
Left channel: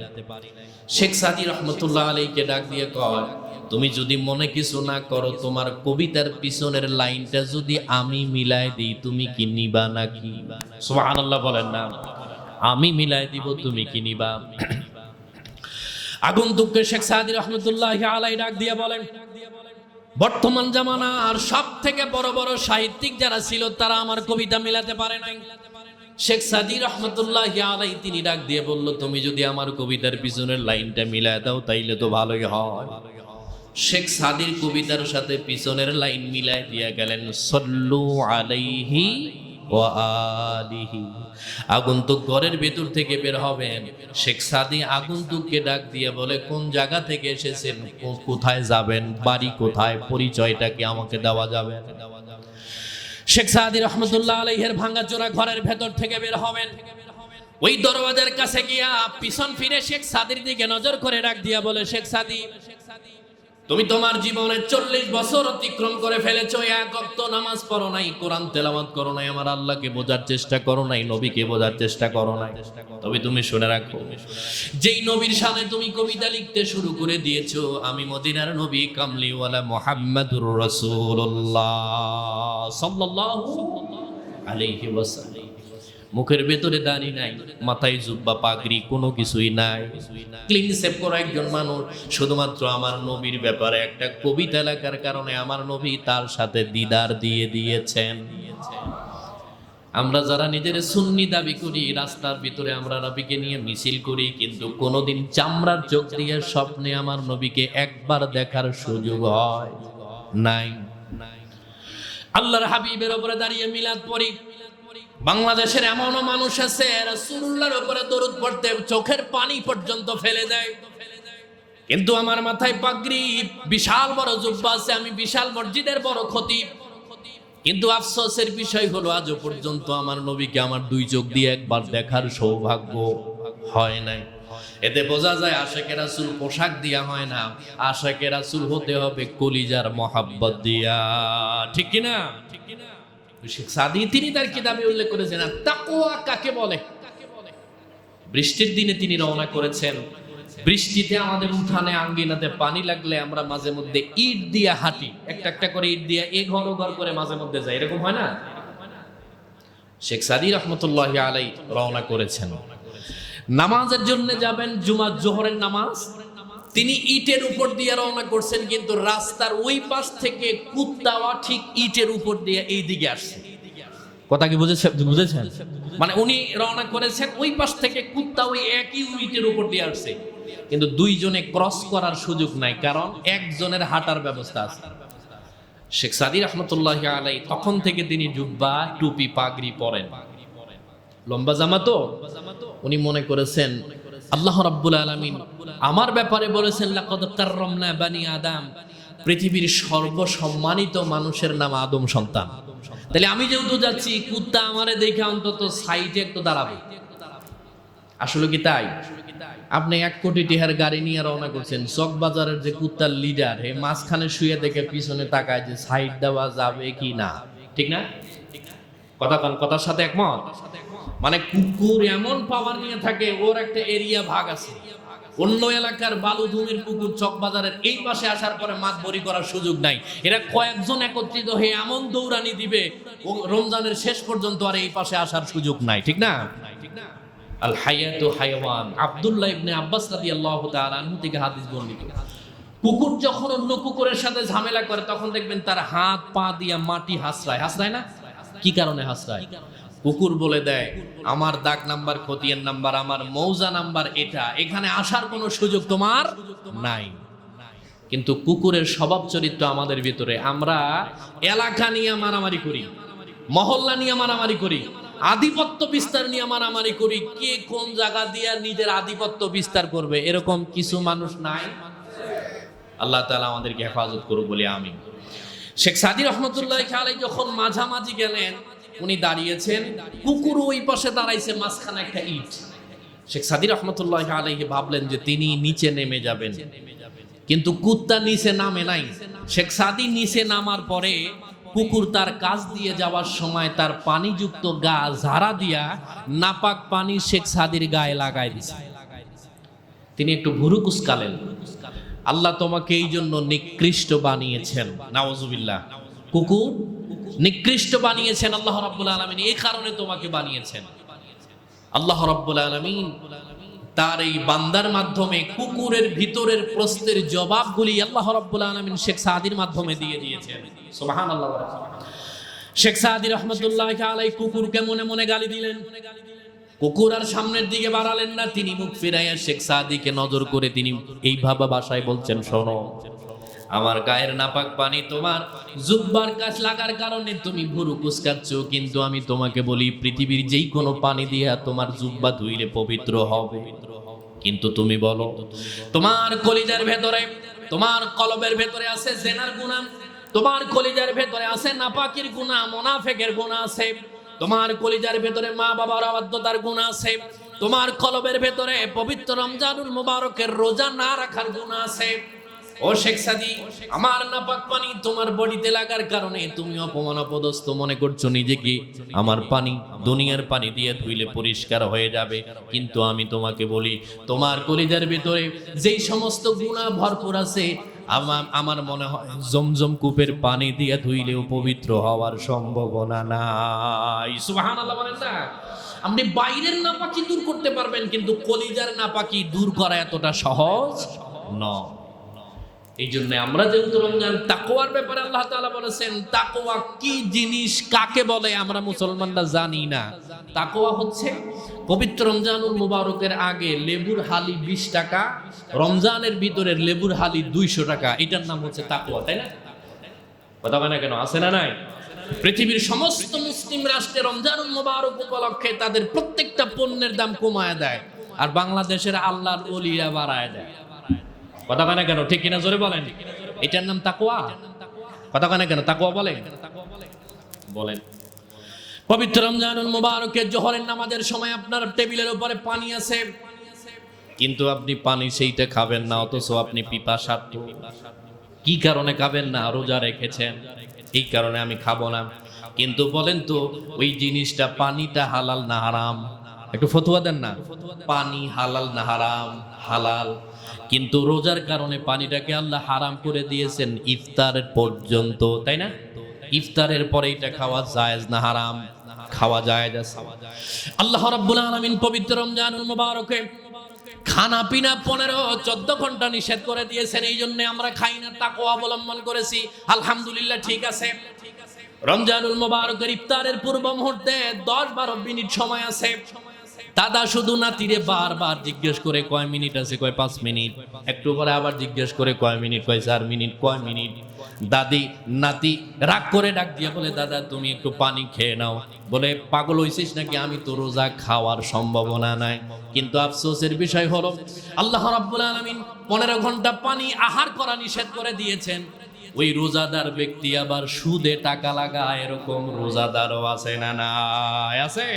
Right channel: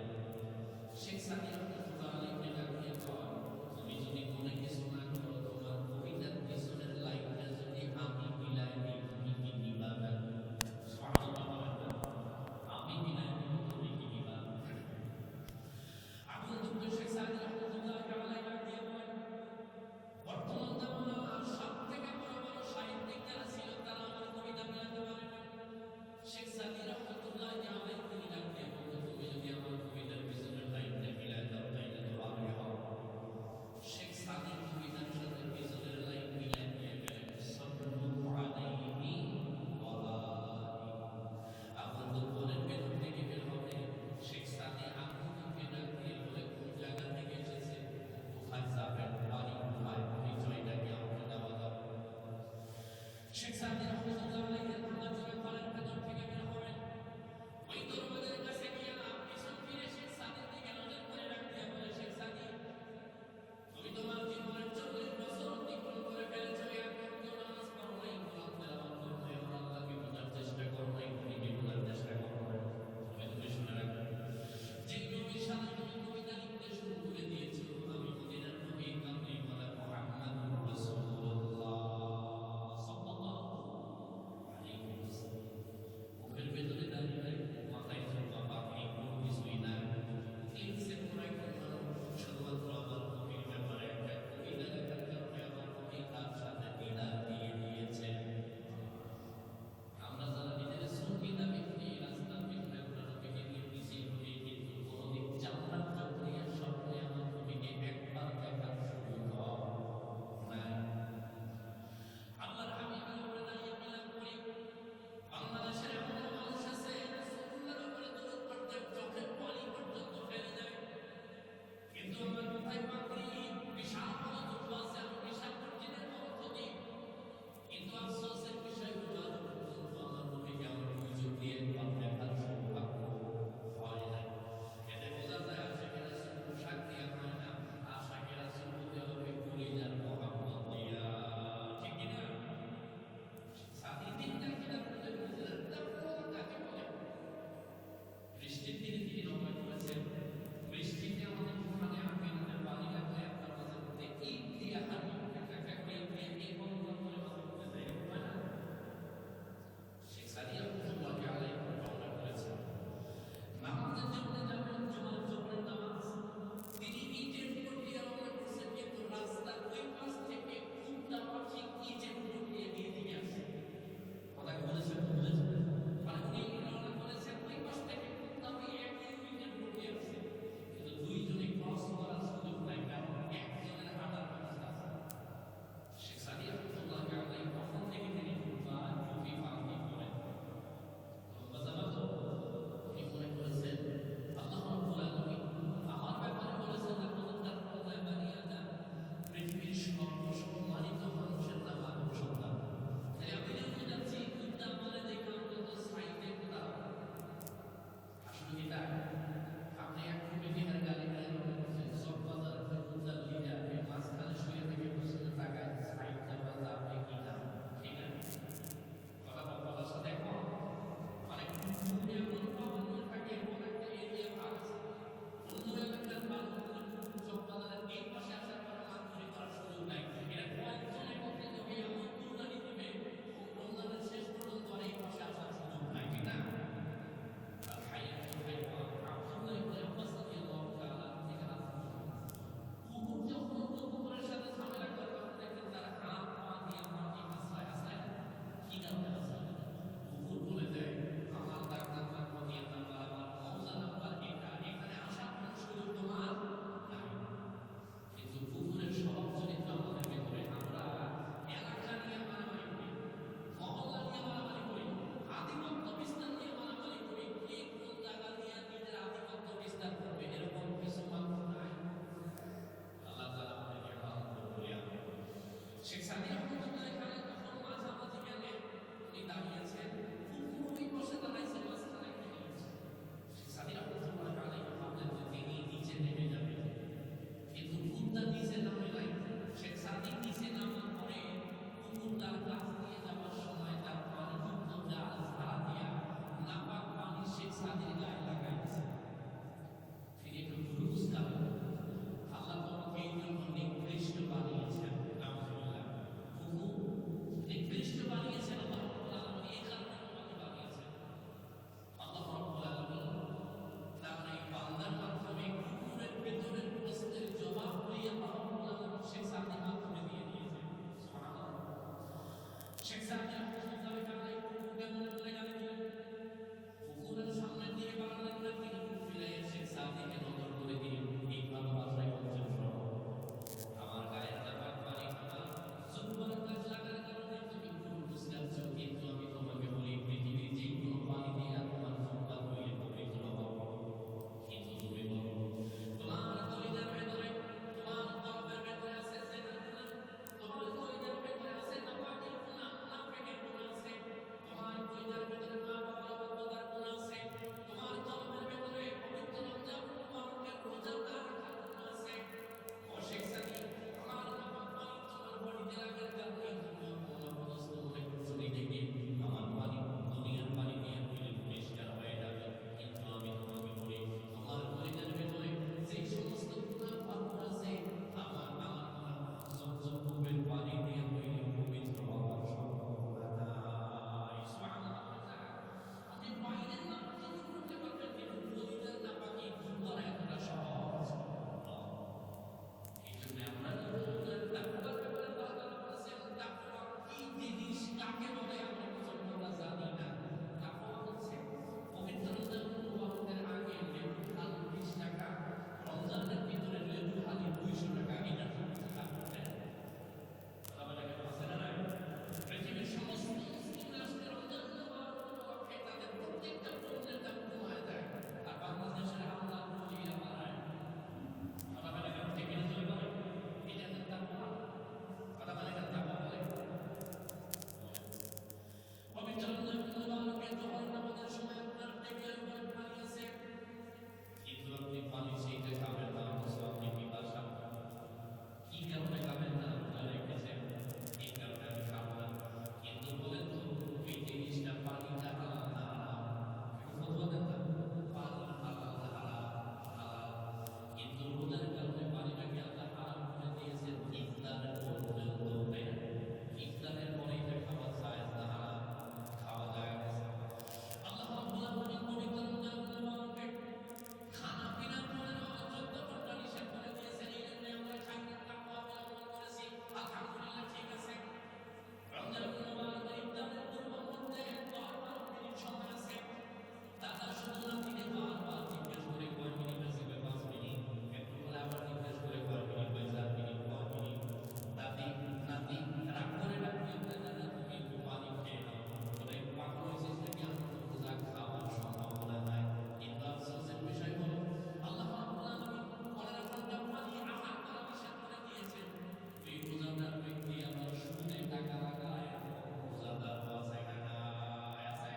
শেখ সাদী রহমতুল্লাহ আলাইহিকে ডাক দিয়ে কয়, তুমি যদি মনে কিছু না করো, তোমার কবিতার পিছনের লাইনটা যদি আমি মিলাই দিই, তুমি কি নিবা নাকি? সুবহানাল্লাহ বলেন না। আমি মিলাই দিব, তুমি কি নিবা? আগন্তুককে শেখ সাদী রহমতুল্লাহ আলাইহি ডাক দিয়ে বলেন, বর্তমান জামানার সব থেকে বড় বড় সাহিত্যিক যারা ছিল তারা আমার কবিতা মিলাতে পারে নাই। শেখ সাদী রহমতুল্লাহ আলাইহি তিনি ডাক দিয়ে বলল, তুমি যদি আমার কবিতার পিছনের লাইনটা মিলায় দাও তাইলে তো ভালোই হয়। শেখ সাদীর কবিতার সাথে পিছনের লাইন মিলাই দিয়ে গেলেন, সাল্লু আলাইহি ওয়া আলিহি। আগন্তুক ঘরের ভেতর থেকে বের হবেন, শেখ সাদী আগন্তুককে ডাক দিয়ে বলে, কোন জায়গা থেকে এসেছেন, কোথায় যাবেন, বাড়ি কোথায়, পরিচয়টা কি আমাকে দেওয়া যাবে? শেখ সাদী রহমতুল্লাহ আলাইহির ভাঙাচোরা ঘরের ভেতর থেকে বের হবেন, ওই দরওয়াজার কাছে গিয়া পিছন ফিরে শেখ সাদীর দিকে নজর করে ডাক দিয়া বলে, শেখ সাদী, তুমি তোমার জীবনে 40 বছর অতিক্রম করে ফেলেছো, এক ওয়াক্ত নামাজ পড়ো নাই, কোরআন তেলাওয়াত করো নাই, আমার আল্লাহকে বোঝার চেষ্টা করো নাই, নবীকে বোঝার চেষ্টা করো নাই। তবে তুমি শুনে রাখো, যেই নবীর সামনে তুমি কবিতা লিখতে শুরু করে দিয়েছো, আমি মদিনার নবী কামলিওয়ালা মুহাম্মাদুর রাসূলুল্লাহ সাল্লাল্লাহু আলাইহি ওয়াসাল্লাম। মুখের ভেতরে দাড়ি নাই, মাথায় জুব্বা, পাগড়ি, কোনো কিছুই নাই, ক্লিন শেভ করা একজন মানুষ। শুধুমাত্র আমার নবীর ব্যাপারে একটা কবিতা লেখার কারণে আমার নবী তার সাথে দিদার দিয়ে দিয়েছেন। আমরা যারা নিজের সুন্নি দাবি করি, রাস্তার ভিতরে আমরা নবীকে নিয়ে মিছিল করি, কিন্তু কোনোদিন চামড়ার চোখ দিয়ে স্বপ্নে আমার নবীকে একবার দেখার সুযোগ হয় নাই। আল্লাহর হাবিবের উপরে দাঁড়িয়ে মিলাদ পড়ি। বাংলাদেশের এমনও মানুষ আছে রাসূলুল্লাহর উপরে দরুদ পড়তে চোখের পানি পর্যন্ত ফেলে দেয়, কিন্তু আমার মাথায় পাগড়ি, বিশাল বড় জুব্বা আছে, আমি বিশাল মসজিদের বড় খতিব, কিন্তু আফসোসের বিষয় হলো আজও পর্যন্ত আমার নবীকে আমার 2 চোখ দিয়ে একবার দেখার সৌভাগ্য হয় নাই। এতে বোঝা যায় আশিকে রাসূল পোশাক দিয়া হয় না, আশিকে রাসূল হতে হবে কলিজার মহাব্বত দিয়া। ঠিক কি না? শেখ সাদী তিনি তার কিতাবে উল্লেখ করেছেন, তাকওয়া কাকে বলে। বৃষ্টির দিনে তিনি রওনা করেছেন। বৃষ্টিতে আমাদের উঠানে আঙ্গিনাতে পানি লাগলে আমরা মাঝে মধ্যে ইট দিয়ে হাঁটি, একটা একটা করে ইট দিয়ে এ ঘর ও ঘর করে মাঝে মধ্যে যাই, এরকম হয় না? শেখ সাদী রহমতুল্লাহি আলাইহি রওনা করেছেন, নামাজের জন্য যাবেন, জুমার জোহরের নামাজ। তিনি ইটের উপর দিয়ে রওনা করছেন, কিন্তু রাস্তার ওই পাশ থেকে কুত্তাওয়া ঠিক ইটের উপর দিয়ে এই দিকে আসছে। কথা কি বুঝেছেন? মানে উনি রওনা করেছেন, ওই পাশ থেকে কুত্তা ওই একই ইটের উপর দিয়ে আসছে, কিন্তু 2 জনে ক্রস করার সুযোগ নাই, কারণ একজনের হাঁটার ব্যবস্থা আছে। শেখ সাদী রহমতুল্লাহি আলাইহি তখন থেকে তিনি জুব্বা, টুপি, পাগড়ি পরেন, লম্বা জামা। তো উনি মনে করেছেন আল্লাহ রাব্বুল আলামিন আমার ব্যাপারে বলেছেন, লাকাদ কাররামনা বানি আদম, পৃথিবীর সর্বসম্মানিত মানুষের নাম আদম সন্তান। তাহলে আমি যেহেতু যাচ্ছি, কুত্তা আমারে দেখে অন্তত সাইডে একটু দাঁড়াবে। আসলে কি তাই? আপনি 1 কোটি টাকার গাড়ি নিয়ে রওনা করছেন, চকবাজারের যে কুত্তার লিডার, এই মাঝখানে শুয়ে দেখে পিছনে তাকায় যে সাইড দেওয়া যাবে কি না। ঠিক না? কথার সাথে একমত? মানে কুকুর এমন পাওয়ার নিয়ে থাকে, ওর একটা এরিয়া ভাগ আছে, অন্য এলাকার বালুধুমির পুকুর চকবাজারের এই পাশে আসার পরে মাছ বড়ি করার সুযোগ নাই। এরা কয়েকজন একত্রিত হয়ে এমন দৌড়ানি দিবে রমজানের শেষ পর্যন্ত আর এই পাশে আসার সুযোগ নাই, ঠিক না? আল হায়াতু হায়াওয়ান, আব্দুল্লাহ ইবনে আব্বাস রাদিয়াল্লাহু তাআলা আনহু থেকে হাদিস বর্ণিত। কুকুর যখন অন্য কুকুরের সাথে ঝামেলা করে তখন দেখবেন তার হাত পা দিয়া মাটি হাসরায়, হাসরায় না? কি কারণে হাসরায়? কুকুর বলে দেয় আমার দাগ নাম্বার, খতিয়ান নাম্বার, আমার মৌজা নাম্বার এটা, এখানে আসার কোনো সুযোগ তোমার নাই। কিন্তু কুকুরের স্বভাব চরিত্র আমাদের ভিতরে, আমরা এলাকা নিয়ে মারামারি করি, মহল্লা নিয়ে মারামারি করি, আধিপত্য বিস্তার নিয়ে মারামারি করি, কে কোন জায়গা দিয়ে নিজের আধিপত্য বিস্তার করবে, এরকম কিছু মানুষ নাই? আল্লাহ তাআলা আমাদেরকে হেফাজত করুক বলে আমিন। শেখ সাদী রহমতুল্লাহ আলাইহি যখন মাঝামাঝি গেলেন, উনি দাঁড়িয়েছেন, কুকুর ওই পাশে দাঁড়াইছে, মাঝখানে একটা ইট। শেখ সাদী রহমতুল্লাহ আলাইহি ভাবলেন যে তিনি নিচে নেমে যাবেন, কিন্তু কুত্তা নিচে নামে নাই। শেখ সাদী নিচে নামার পরে কুকুর তার কাছ দিয়ে যাওয়ার সময় তার পানিযুক্ত গা ঝাড়া দিয়া নাপাক পানি শেখ সাদীর গায়ে লাগাই দিছে। তিনি একটু ভুরু কুচকালেন, আল্লাহ তোমাকে এই জন্য নিকৃষ্ট বানিয়েছেন, নাউজুবিল্লাহ। কুকুর নিকৃষ্ট বানিয়েছেন আল্লাহ রাব্বুল আলামিন, এই কারণে তোমাকে বানিয়েছেন। আল্লাহ রাব্বুল আলামিন তার এই বান্দার মাধ্যমে কুকুরের ভিতরের প্রশ্নের জবাবগুলি আল্লাহ রাব্বুল আলামিন শেখ সাদীর মাধ্যমে দিয়ে দিয়েছেন। সুবহানাল্লাহ। শেখ সাদী রাহমাতুল্লাহ আলাইহি কুকুরকে মনে মনে গালি দিলেন। কুকুর আর সামনের দিকে বাড়ালেন না, তিনি মুখ ফিরাইয়া শেখ সাদীকে নজর করে তিনি এইভাবে ভাষায় বলছেন, শোনো, আমার গায়ের নাপাক পানি তোমার জুব্বার কাছ লাগার কারণে তুমি ভুরু কুচকাচ্ছ, কিন্তু আমি তোমাকে বলি পৃথিবীর যেই কোনো পানি দিয়া তোমার জুব্বা ধুইলে পবিত্র হবে। কিন্তু তুমি বলো তোমার কলিজার ভেতরে, তোমার কলবের ভেতরে আছে জেনার গুনাহ, তোমার কলিজার ভেতরে আছে নাপাকির গুনাহ, মুনাফিকের গুনাহ আছে, তোমার কলিজার ভেতরে মা বাবার অবাধ্যতার গুনাহ আছে, তোমার কলবের ভেতরে পবিত্র রমজানুল মুবারকের রোজা না রাখার গুনাহ আছে। ও শেখ সাদী, আমার নাপাক পানি তোমার বডিতে লাগার কারণে তুমি অপমান অপদস্থ মনে করছো নিজেকে। আমার পানি দুনিয়ার পানি দিয়ে ধুইলে পরিষ্কার হয়ে যাবে, কিন্তু আমি তোমাকে বলি তোমার কলিজার ভিতরে যেই সমস্ত গুনাহ ভরপুর আছে, আমার মনে হয় জমজম কূপের পানি দিয়ে ধুইলেও পবিত্র হওয়ার সম্ভাবনা নাই। সুবহানাল্লাহ বলেন না? আপনি বাইরের নাপাকি দূর করতে পারবেন, কিন্তু কলিজার নাপাকি দূর করা এতটা সহজ নয়। এই জন্য আমরা যেহেতু রমজান তাকওয়ার ব্যাপারে আল্লাহ তাআলা বলেছেন, তাকওয়া কি জিনিস, কাকে বলে আমরা মুসলমানরা জানি না। তাকওয়া হচ্ছে পবিত্র রমজানুল মুবারকের আগে লেবুর হালি 20 টাকা, রমজানের ভিতরের লেবুর হালি 200 টাকা, এটার নাম হচ্ছে তাকওয়া, তাই না? কথা বলে না কেন? আছে না নাই? পৃথিবীর সমস্ত মুসলিম রাষ্ট্রে রমজানুল মুবারক উপলক্ষে তাদের প্রত্যেকটা পণ্যের দাম কমায় দেয়, আর বাংলাদেশের আল্লাহর ওলিরা বাড়ায় দেয়। কথা কানে কেন? ঠিক কিনা জোরে বলেন। এটার নাম তাকওয়া। কথা কানে কেন? তাকওয়া বলেন বলেন। পবিত্র রমজানুল মুবারকের জোহরের নামাজের সময় আপনার টেবিলের উপরে পানি আছে, কিন্তু আপনি পানি সেইটা খাবেন না, অথচ আপনি পিপাসার্ত। কি কারণে খাবেন না? রোজা রেখেছেন, এই কারণে আমি খাবো না। কিন্তু বলেন তো ওই জিনিসটা, পানিটা হালাল না হারাম? একটু ফতোয়া দেন না। পানি হালাল না হারাম? হালাল। কিন্তু রোজার কারণে পানিটাকে আল্লাহ হারাম করে দিয়েছেন ইফতারের পর্যন্ত, তাই না? ইফতারের পরে এটা খাওয়া জায়েজ না হারাম? খাওয়া জায়েজ আছে। আল্লাহ রাব্বুল আলামিন পবিত্র রমজানুল মুবারকে খানা পিনা 15-14 ঘন্টা নিষেধ করে দিয়েছেন, এই জন্য আমরা খাই না, তাকওয়া অবলম্বন করেছি। আলহামদুলিল্লাহ, ঠিক আছে। রমজানুল মুবারকের ইফতারের পূর্ব মুহূর্তে 10-12 মিনিট সময় আছে। দাদা শুধু নাতিরে বারবার জিজ্ঞেস করে কয় মিনিট আছে, কয় 5 মিনিট। একটু পরে আবার জিজ্ঞেস করে কয় মিনিট, কয় 4 মিনিট, কয় মিনিট। দাদি নাতি রাগ করে ডাক দিয়ে বলে, দাদা তুমি একটু পানি খেয়ে নাও। বলে, পাগল হইছিস নাকি? আমি তো রোজা, খাওয়ার সম্ভাবনা নাই। কিন্তু আফসোসের বিষয় হলো আল্লাহ রাব্বুল আলামিন 15 ঘন্টা পানি আহার করা নিষেধ করে দিয়েছেন। ওই রোজাদার ব্যক্তি আবার সুদে টাকা লাগায়, এরকম রোজাদারও আছে না? না আছে।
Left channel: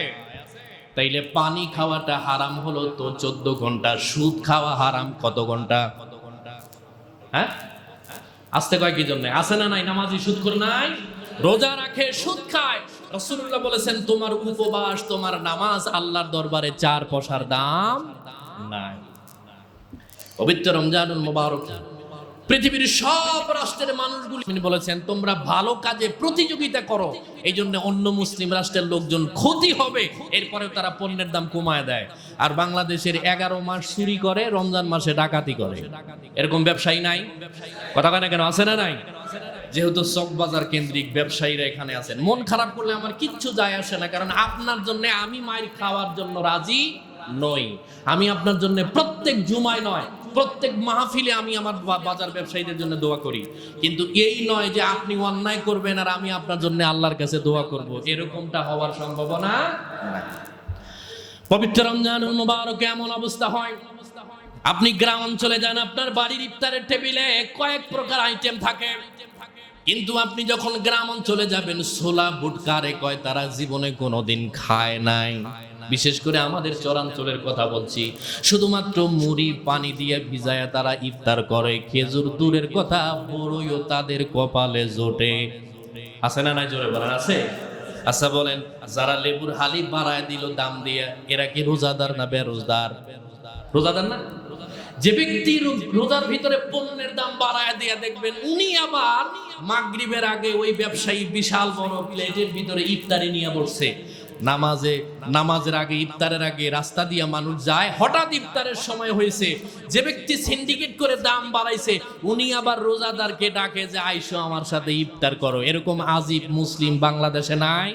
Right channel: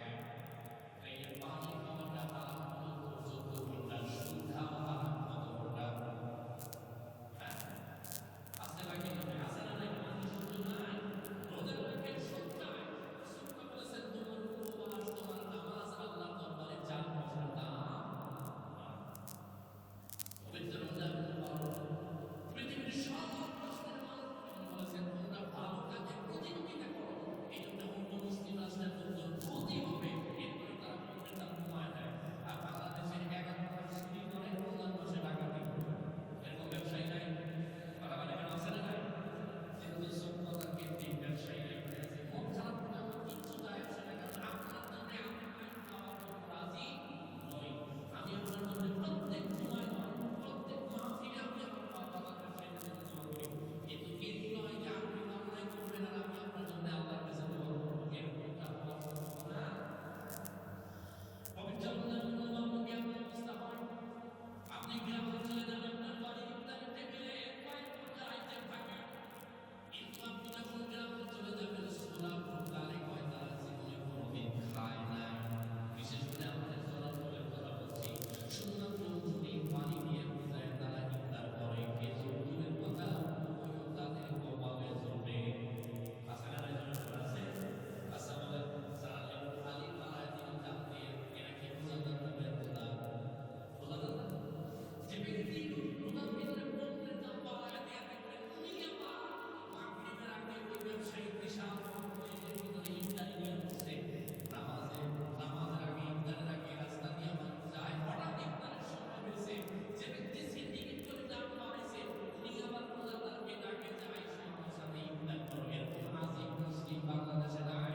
তাইলে পানি খাওয়াটা হারাম হলো তো 14 ঘন্টা, সুদ খাওয়া হারাম কত ঘন্টা? হ্যাঁ, আসতে কয় কি জন্য? আছে না নাই? নামাজি সুদ করে নাই, রোজা রাখে, সুদ খায়। রাসূলুল্লাহ বলেছেন তোমার উপবাস, তোমার নামাজ আল্লাহর দরবারে 4 পয়সার দাম নাই। পবিত্র রমজানুল মুবারক পৃথিবীর সব রাষ্ট্রের মানুষগুলি তিনি বলেছেন তোমরা ভালো কাজে প্রতিযোগিতা করো, এই জন্য অন্য মুসলিম রাষ্ট্রের লোকজন ক্ষতি হবে, এরপরেও তারা পণ্যের দাম কমায় দেয়। আর বাংলাদেশের 11 মাস চুরি করে, রমজান মাসে ডাকাতি করে, এরকম ব্যবসায়ী নাই? কথা কয় না কেন? আছে না নাই? যেহেতু চকবাজার কেন্দ্রিক ব্যবসায়ীরা এখানে আছেন, মন খারাপ করলে আমার কিচ্ছু যায় আসে না, কারণ আপনার জন্য আমি মাইর খাওয়ার জন্য রাজি নই। আমি আপনার জন্য প্রত্যেক জুমায় নয়, প্রত্যেক মাহফিলে আমি আমার বাজার ব্যবসায়ীদের জন্য দোয়া করি, কিন্তু এই নয় যে আপনি অন্যায় করবেন আর আমি আপনার জন্য আল্লাহর কাছে দোয়া করব, এরকমটা হওয়ার সম্ভাবনা নাই। পবিত্র রমজানুল মুবারকে এমন অবস্থা হয়, আপনি গ্রাম অঞ্চলে যান, আপনার বাড়ির ইফতারের টেবিলে কয়েক প্রকার আইটেম থাকে, কিন্তু আপনি যখন গ্রাম অঞ্চলে যাবেন, ছোলা বুটকারে কয় তারা জীবনে কোনোদিন খায় নাই। বিশেষ করে আমাদের চরাঞ্চলের কথা বলছি, শুধুমাত্র মুড়ি পানি দিয়ে ভিজায়া তারা ইফতার করে, খেজুর দূরের কথা, বড়ইও তাদের কপালে জোটে। আছে না নাই? জোরে বলেন আছে। আচ্ছা বলেন, যারা লেবুর হালি বাড়ায় দিল দাম দিয়ে, এরা কি রোজাদার না বেরোজদার? রোজাদার না? যে ব্যক্তি রোজার ভিতরে পণ্যের দাম বাড়ায় দিয়ে দেখবেন উনি আবার মাগরিবের আগে ওই ব্যবসায়ী বিশাল বড় প্লেটের ভিতরে ইফতারি নিয়ে বসছে। নামাজের আগে, ইফতারের আগে রাস্তা দিয়ে মানুষ যায়, হঠাৎ ইফতারের সময় হয়েছে, যে ব্যক্তি সিন্ডিকেট করে দাম বাড়াইছে উনি আবার রোজাদারকে ডাকে যে আইসো আমার সাথে ইফতার করো। এরকম আজিব মুসলিম বাংলাদেশে নাই?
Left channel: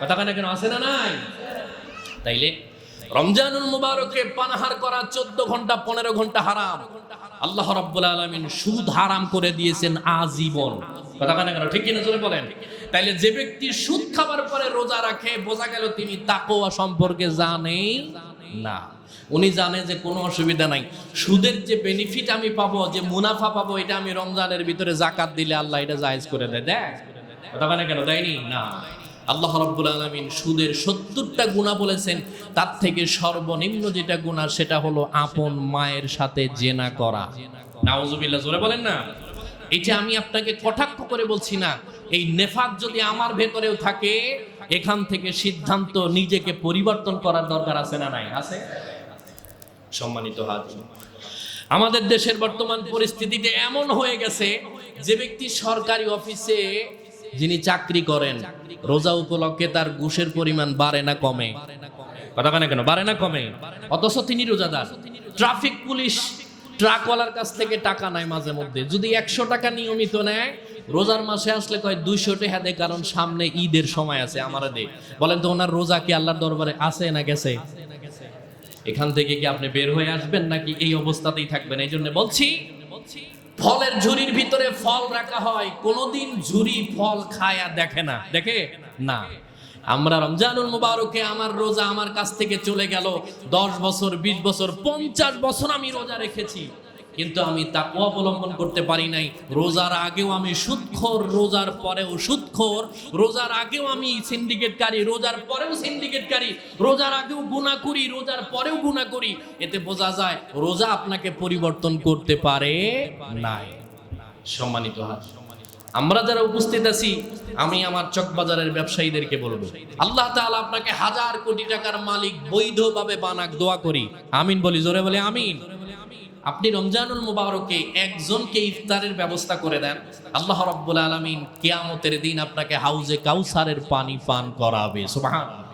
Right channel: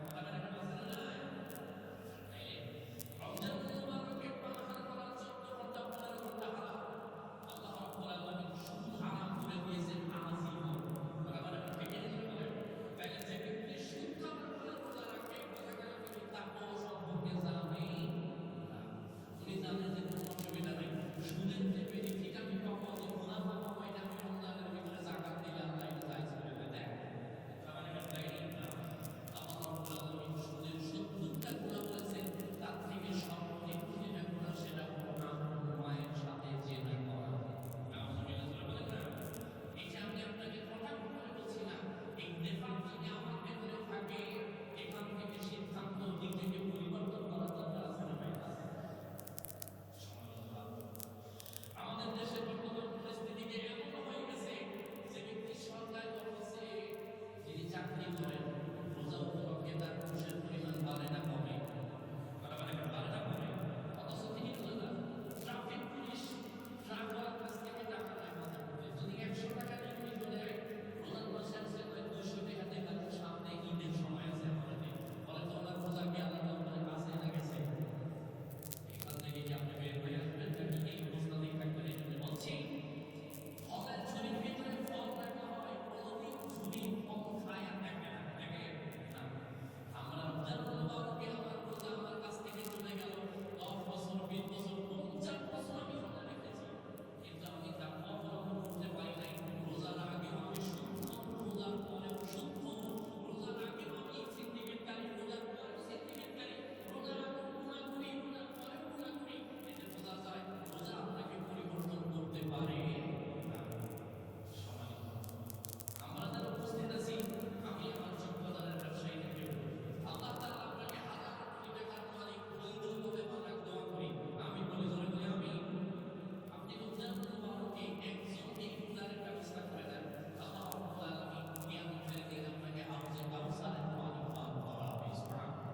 কথা কেন কেন? আছে না নাই? তাইলে রমজানুল মুবারকে পানাহার করা 14 ঘন্টা 15 ঘন্টা হারাম। আল্লাহ রাব্বুল আলামিন সুদ হারাম করে দিয়েছেন আজীবন। কথা কেন কেন? ঠিক কিনা জোরে বলেন। তাইলে যে ব্যক্তি সুদ খাবার পরে রোজা রাখে, বোঝা গেল তিনি তাকওয়া সম্পর্কে জানে না। উনি জানে যে কোনো অসুবিধা নাই, সুদের যে বেনিফিট আমি পাবো, যে মুনাফা পাবো, এটা আমি রমজানের ভিতরে যাকাত দিলে আল্লাহ এটা জায়েজ করে দেয়। দেখ কথা কেন? দেয়নি না। আল্লাহ রাব্বুল আলামিন সুদের 70টা গুনাহ বলেছেন, তার থেকে সর্বনিম্ন যেটা গুনাহ সেটা হলো আপন মায়ের সাথে জেনা করা। নাউজুবিল্লাহ, জোরে বলেন না। এটা আমি আপনাকে কটাক্ষ করে বলছি না, এই নেফাক যদি আমার ভেতরেও থাকে, এখান থেকে সিদ্ধান্ত নিজেকে পরিবর্তন করার দরকার আছে না নাই? আছে। সম্মানিত হাজির, আমাদের দেশের বর্তমান পরিস্থিতিতে এমন হয়ে গেছে, যে ব্যক্তি সরকারি অফিসে যিনি চাকরি করেন, রোজা উপলক্ষে তার ঘুষের পরিমাণ বাড়ে না কমে? কথা কেন? বাড়ে না কমে? অথচ তিনি রোজাদার। ট্রাফিক পুলিশ ট্রাকওয়ালার কাছ থেকে টাকা নেয় মাঝে মধ্যে, যদি 100 টাকা নিয়মিত নেয়, রোজার মাসে আসলে কয় 200 টাকা দেয়, কারণ সামনে ঈদের সময় আছে। আমার দে বলেন তো, ওনার রোজা কি আল্লাহর দরবারে আছে না গেছে? এখান থেকে কি আপনি বের হয়ে আসবেন নাকি এই অবস্থাতেই থাকবেন? এই জন্য বলছি, ফলের ঝুড়ির ভিতরে ফল রাখা হয়, কোনোদিন ঝুড়ি ফল খায়া দেখে না, দেখে না। আমরা রমজানুল মুবারকে আমার রোজা আমার কাছ থেকে চলে গেল, 10 বছর 20 বছর 50 বছর আমি রোজা রেখেছি, কিন্তু আমি তাকওয়া অবলম্বন করতে পারি নাই। রোজার আগেও আমি সুদখোর, রোজার পরেও সুদখোর, রোজার আগেও আমি সিন্ডিকেটকারী, রোজার পরেও সিন্ডিকেটকারী, রোজার আগেও গুনাহ করি, রোজার পরেও গুনাহ করি। এতে বোঝা যায় রোজা আপনাকে পরিবর্তন করতে পারে নাই। সম্মানিত হাত, আমরা যারা উপস্থিত আছি, আমি আমার চকবাজারের ব্যবসায়ীদেরকে বলবো, আল্লাহ তাআলা আপনাকে 1000 কোটি টাকার মালিক বৈধভাবে বানাক, দোয়া করি। আমিন বলি, জোরে বলে আমিন। আপনি রমজানুল মুবারকে একজনকে ইফতারের ব্যবস্থা করে দেন, আল্লাহ রাব্বুল আলামিন কিয়ামতের দিন আপনাকে হাউজে কাউসারের পানি পান করাবে। সুবহানাল্লাহ।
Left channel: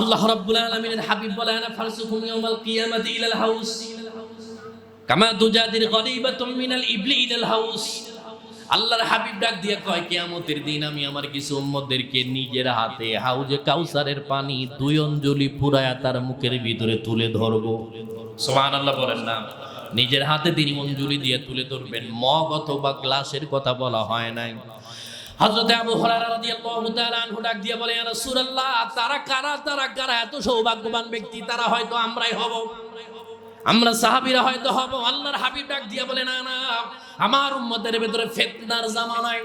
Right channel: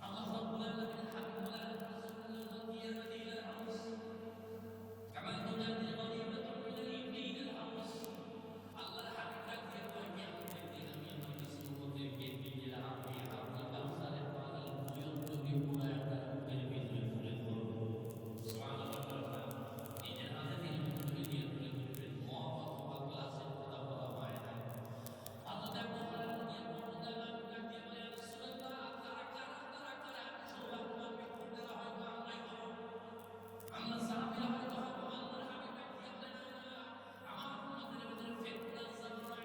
আল্লাহ রাব্বুল আলামিনের হাবিব বলেন, ফারসুকুম ইয়াউমাল কিয়ামাতি ইলাল হাউস কামা তুজাদির গরিবাতুম মিনাল ইবলি ইলাল হাউস। আল্লাহর হাবিব ডাক দিয়ে কয়, কিয়ামতের দিন আমি আমার কিছু উম্মতদেরকে নিজের হাতে হাউজে কাউসারের পানি 2 অঞ্জলি পুরায়া তার মুখের ভিতরে তুলে ধরবো। সুবহানাল্লাহ বলেন না। নিজের হাতে 3 অঞ্জলি দিয়ে তুলে ধরবেন, মগ অথবা গ্লাসের কথা বলা হয় নাই। হযরত আবু হুরায়রা রাদিয়াল্লাহু তাআলা আনহু ডাক দিয়ে বলে, ইয়া রাসূলুল্লাহ, তারা কারা এত সৌভাগ্যবান ব্যক্তি? তারা হয়তো আমরাই হব, আমরা সাহাবীরা হয়তো হব। আল্লাহর হাবিব ডাক দিয়ে বলে, না না, আমার উম্মতের ভিতরে ফিতনার জামানায়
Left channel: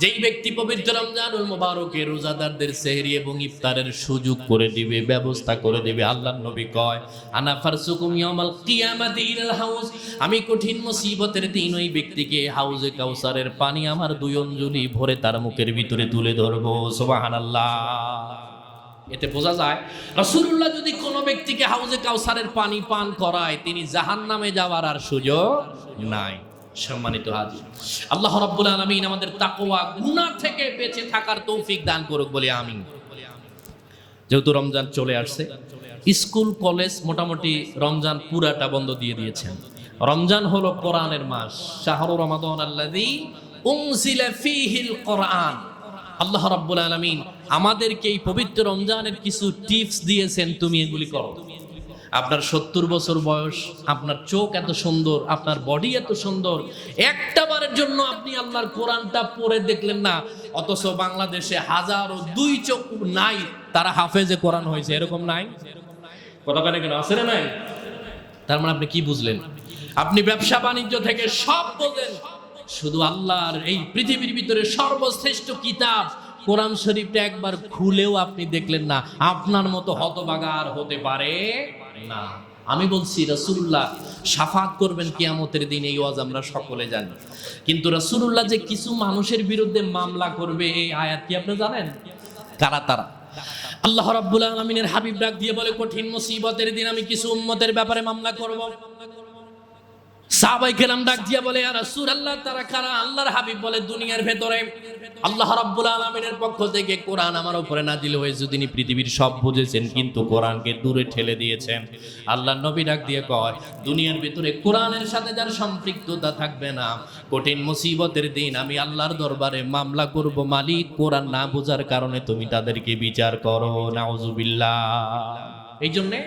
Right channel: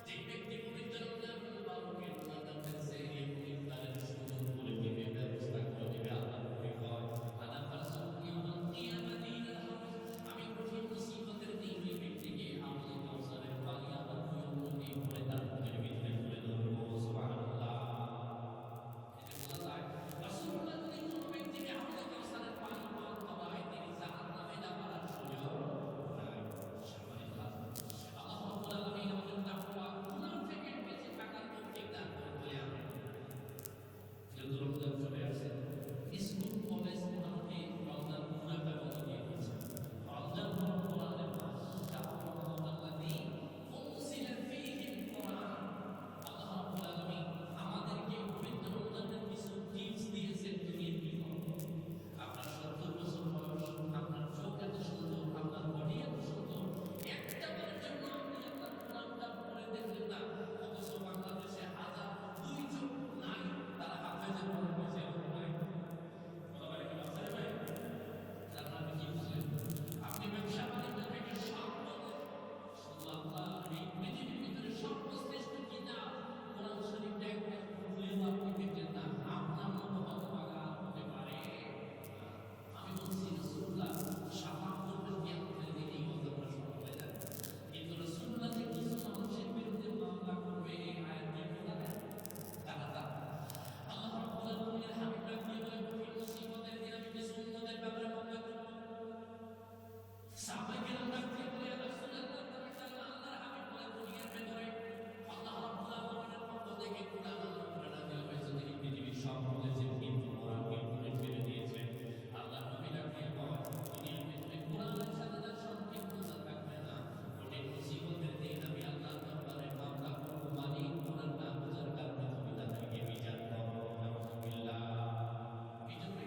যেই ব্যক্তি পবিত্র রমজানুল মুবারকে রোজাদারদের সেহরি এবং ইফতারের সুযোগ করে দিবে, ব্যবস্থা করে দিবে, আল্লাহর নবী কয়, আনা ফারসুকুম ইয়াউমাল কিয়ামাতি ইলাল হাউজ, আমি কঠিন মুসিবতের দিন ওই ব্যক্তিকে হাউজে কাউসারের পানি আমার 2 অঞ্জলি ভরে তার মুখের ভিতরে তুলে ধরবো। সুবহানাল্লাহ। এতে বোঝা যায় রাসূলুল্লাহ যদি কোনো ব্যক্তিকে হাউজে কাউসারের পানি পান করায় তিনি জাহান্নামে যাওয়ার আর সুযোগ নাই। সম্মানিত হাজির, আল্লাহ রাব্বুল আলামিন আমাদের তাকওয়া গুনাহ থেকে বেঁচে থাকার তৌফিক দান করুক বলি আমিন। যেহেতু রমজান চলে আসছে, স্কুল কলেজ মোটামুটি রমজান পুরাটা বন্ধ দিয়ে দিয়েছেন। রমজান হলো কোরআনের মাস, শাহরু রমাদান আল্লাযী উনজিলা ফীহিল কোরআন। আল্লাহ রাব্বুল আলামিন আমাদেরকে এই পবিত্র রমজানের কিছু টিপস দিয়েছেন, তুমি এগুলি করো। আপনার 70 বছর বয়স, আপনার চোখ এত সুন্দর, আপনার বডি এত সুন্দর, একটা বারের জন্য আপনি আল্লাহর কোরআনটা পড়ে দেখলেন না, অথচ বাংলাদেশে হাজারো 2 চোখ নাই তারা হাফেজে কোরআন হয়েছে, এরকম নাই? কথা বলে কেন আছে না নাই? তার মানে আপনি কি বুঝলেন? আপনি ব্যবসা বাণিজ্য থেকে সব বোঝেন, শুধু আল্লাহর এই পৃথিবীর ভিতরে সর্বশ্রেষ্ঠ কিতাব কোরআন শরীফটা একবার খুলেও আপনি দেখলেন না, আপনার মতো হতভাগা আর হতে পারে না। আমি বলছি রাসূলুল্লাহ শাফাত করবেন কিয়ামতের দিন, এই ওয়াজ আমরা সকলে জানি, কিন্তু রাসূলুল্লাহ যে কিছু মানুষের বিরুদ্ধে মামলা করবে এই আয়াত কি আপনি জানেন? কারা তারা? আল্লাহ রাব্বুল আলামিনের হাবিব ডাক দিয়ে বলে, কঠিন মুসিবতের দিন আমি কিছু উম্মতের ব্যাপারে মামলা করব। সাহাবায়ে কেরাম ডাক দিয়ে বলে, ইয়া রাসূলুল্লাহ তারা কারা? আল্লাহর হাবিব বলে, দুনিয়ার ভেতরে আল্লাহ রাব্বুল আলামিনের পক্ষ থেকে কোরআন আমার উপরে নাজিল হয়েছে, তিনি পৃথিবীর সব বুঝেছেন কিন্তু কোরআনকে দূরে ঠেলে দিয়েছেন। আল্লাহর নবী ডাক দিয়ে কয়, দুনিয়ার ভিতরে কোরআনের সাথে যার সম্পৃক্ততা থাকবে না, কঠিন মুসিবতের দিন আমি আল্লাহর দরবারে মামলা করব, মালিক কোরআন না বোঝার কারণে তুমি তাদেরকে বিচার করো। নাউজুবিল্লাহ। এই জন্যে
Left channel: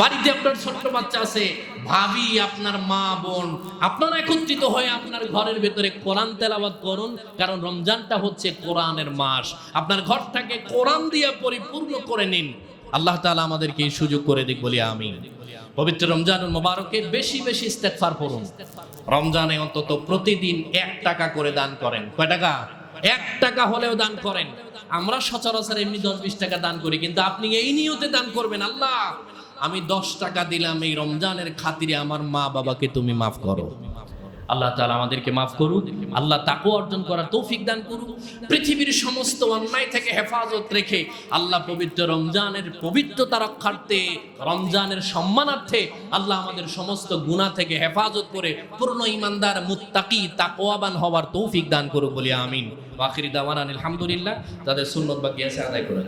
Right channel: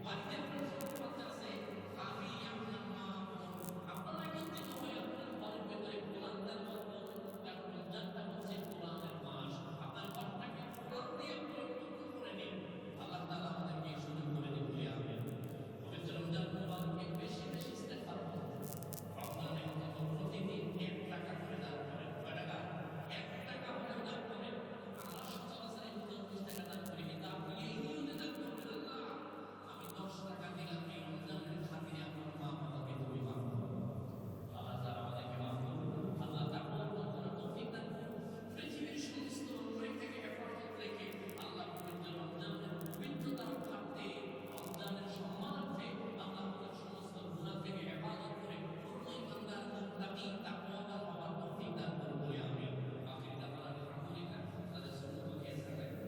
বাড়িতে আপনার ছোট্ট বাচ্চা আছে, ভাবি, আপনার মা বোন, আপনারা একত্রিত হয়ে আপনার ঘরের ভেতরে কোরআন তেলাওয়াত করুন, কারণ রমজানটা হচ্ছে কোরআনের মাস। আপনার ঘরটাকে কোরআন দিয়ে পরিপূর্ণ করে নিন। আল্লাহ তাআলা আমাদেরকে এই সুযোগ করে দিক বলি আমিন। পবিত্র রমজানুল মুবারকে বেশি বেশি ইস্তেগফার করুন। রমজানে অন্তত প্রতিদিন 1 টাকা করে দান করেন। কয় টাকা? 1 টাকা হলেও দান করেন। আমরা সচরাচর এমনি 10-20 টাকা দান করি, কিন্তু আপনি এই নিয়তে দান করবেন, আল্লাহ আমি 10 টাকা দিলাম এই রমজানের খাতিরে, আমার মা বাবাকে তুমি মাফ করো। আল্লাহ তাআলা আমাদেরকে মাফ করুক, আল্লাহ তাকওয়া অর্জন করার তৌফিক দান করুক। পৃথিবীর সমস্ত অন্যায় থেকে হেফাজত রেখে আল্লাহ পবিত্র রমজানের পবিত্রতা রক্ষার্থে, রমজানের সম্মানার্থে আল্লাহ আমাদের সমস্ত গুনাহ থেকে হেফাজত করে পূর্ণ ঈমানদার, মুত্তাকি, তাকওয়াবান হওয়ার তৌফিক দান করুক বলি আমিন। ওয়া আখিরি দাওয়ানা আলহামদুলিল্লাহ। তাদের সুন্নত বাকি আছে আদায় করে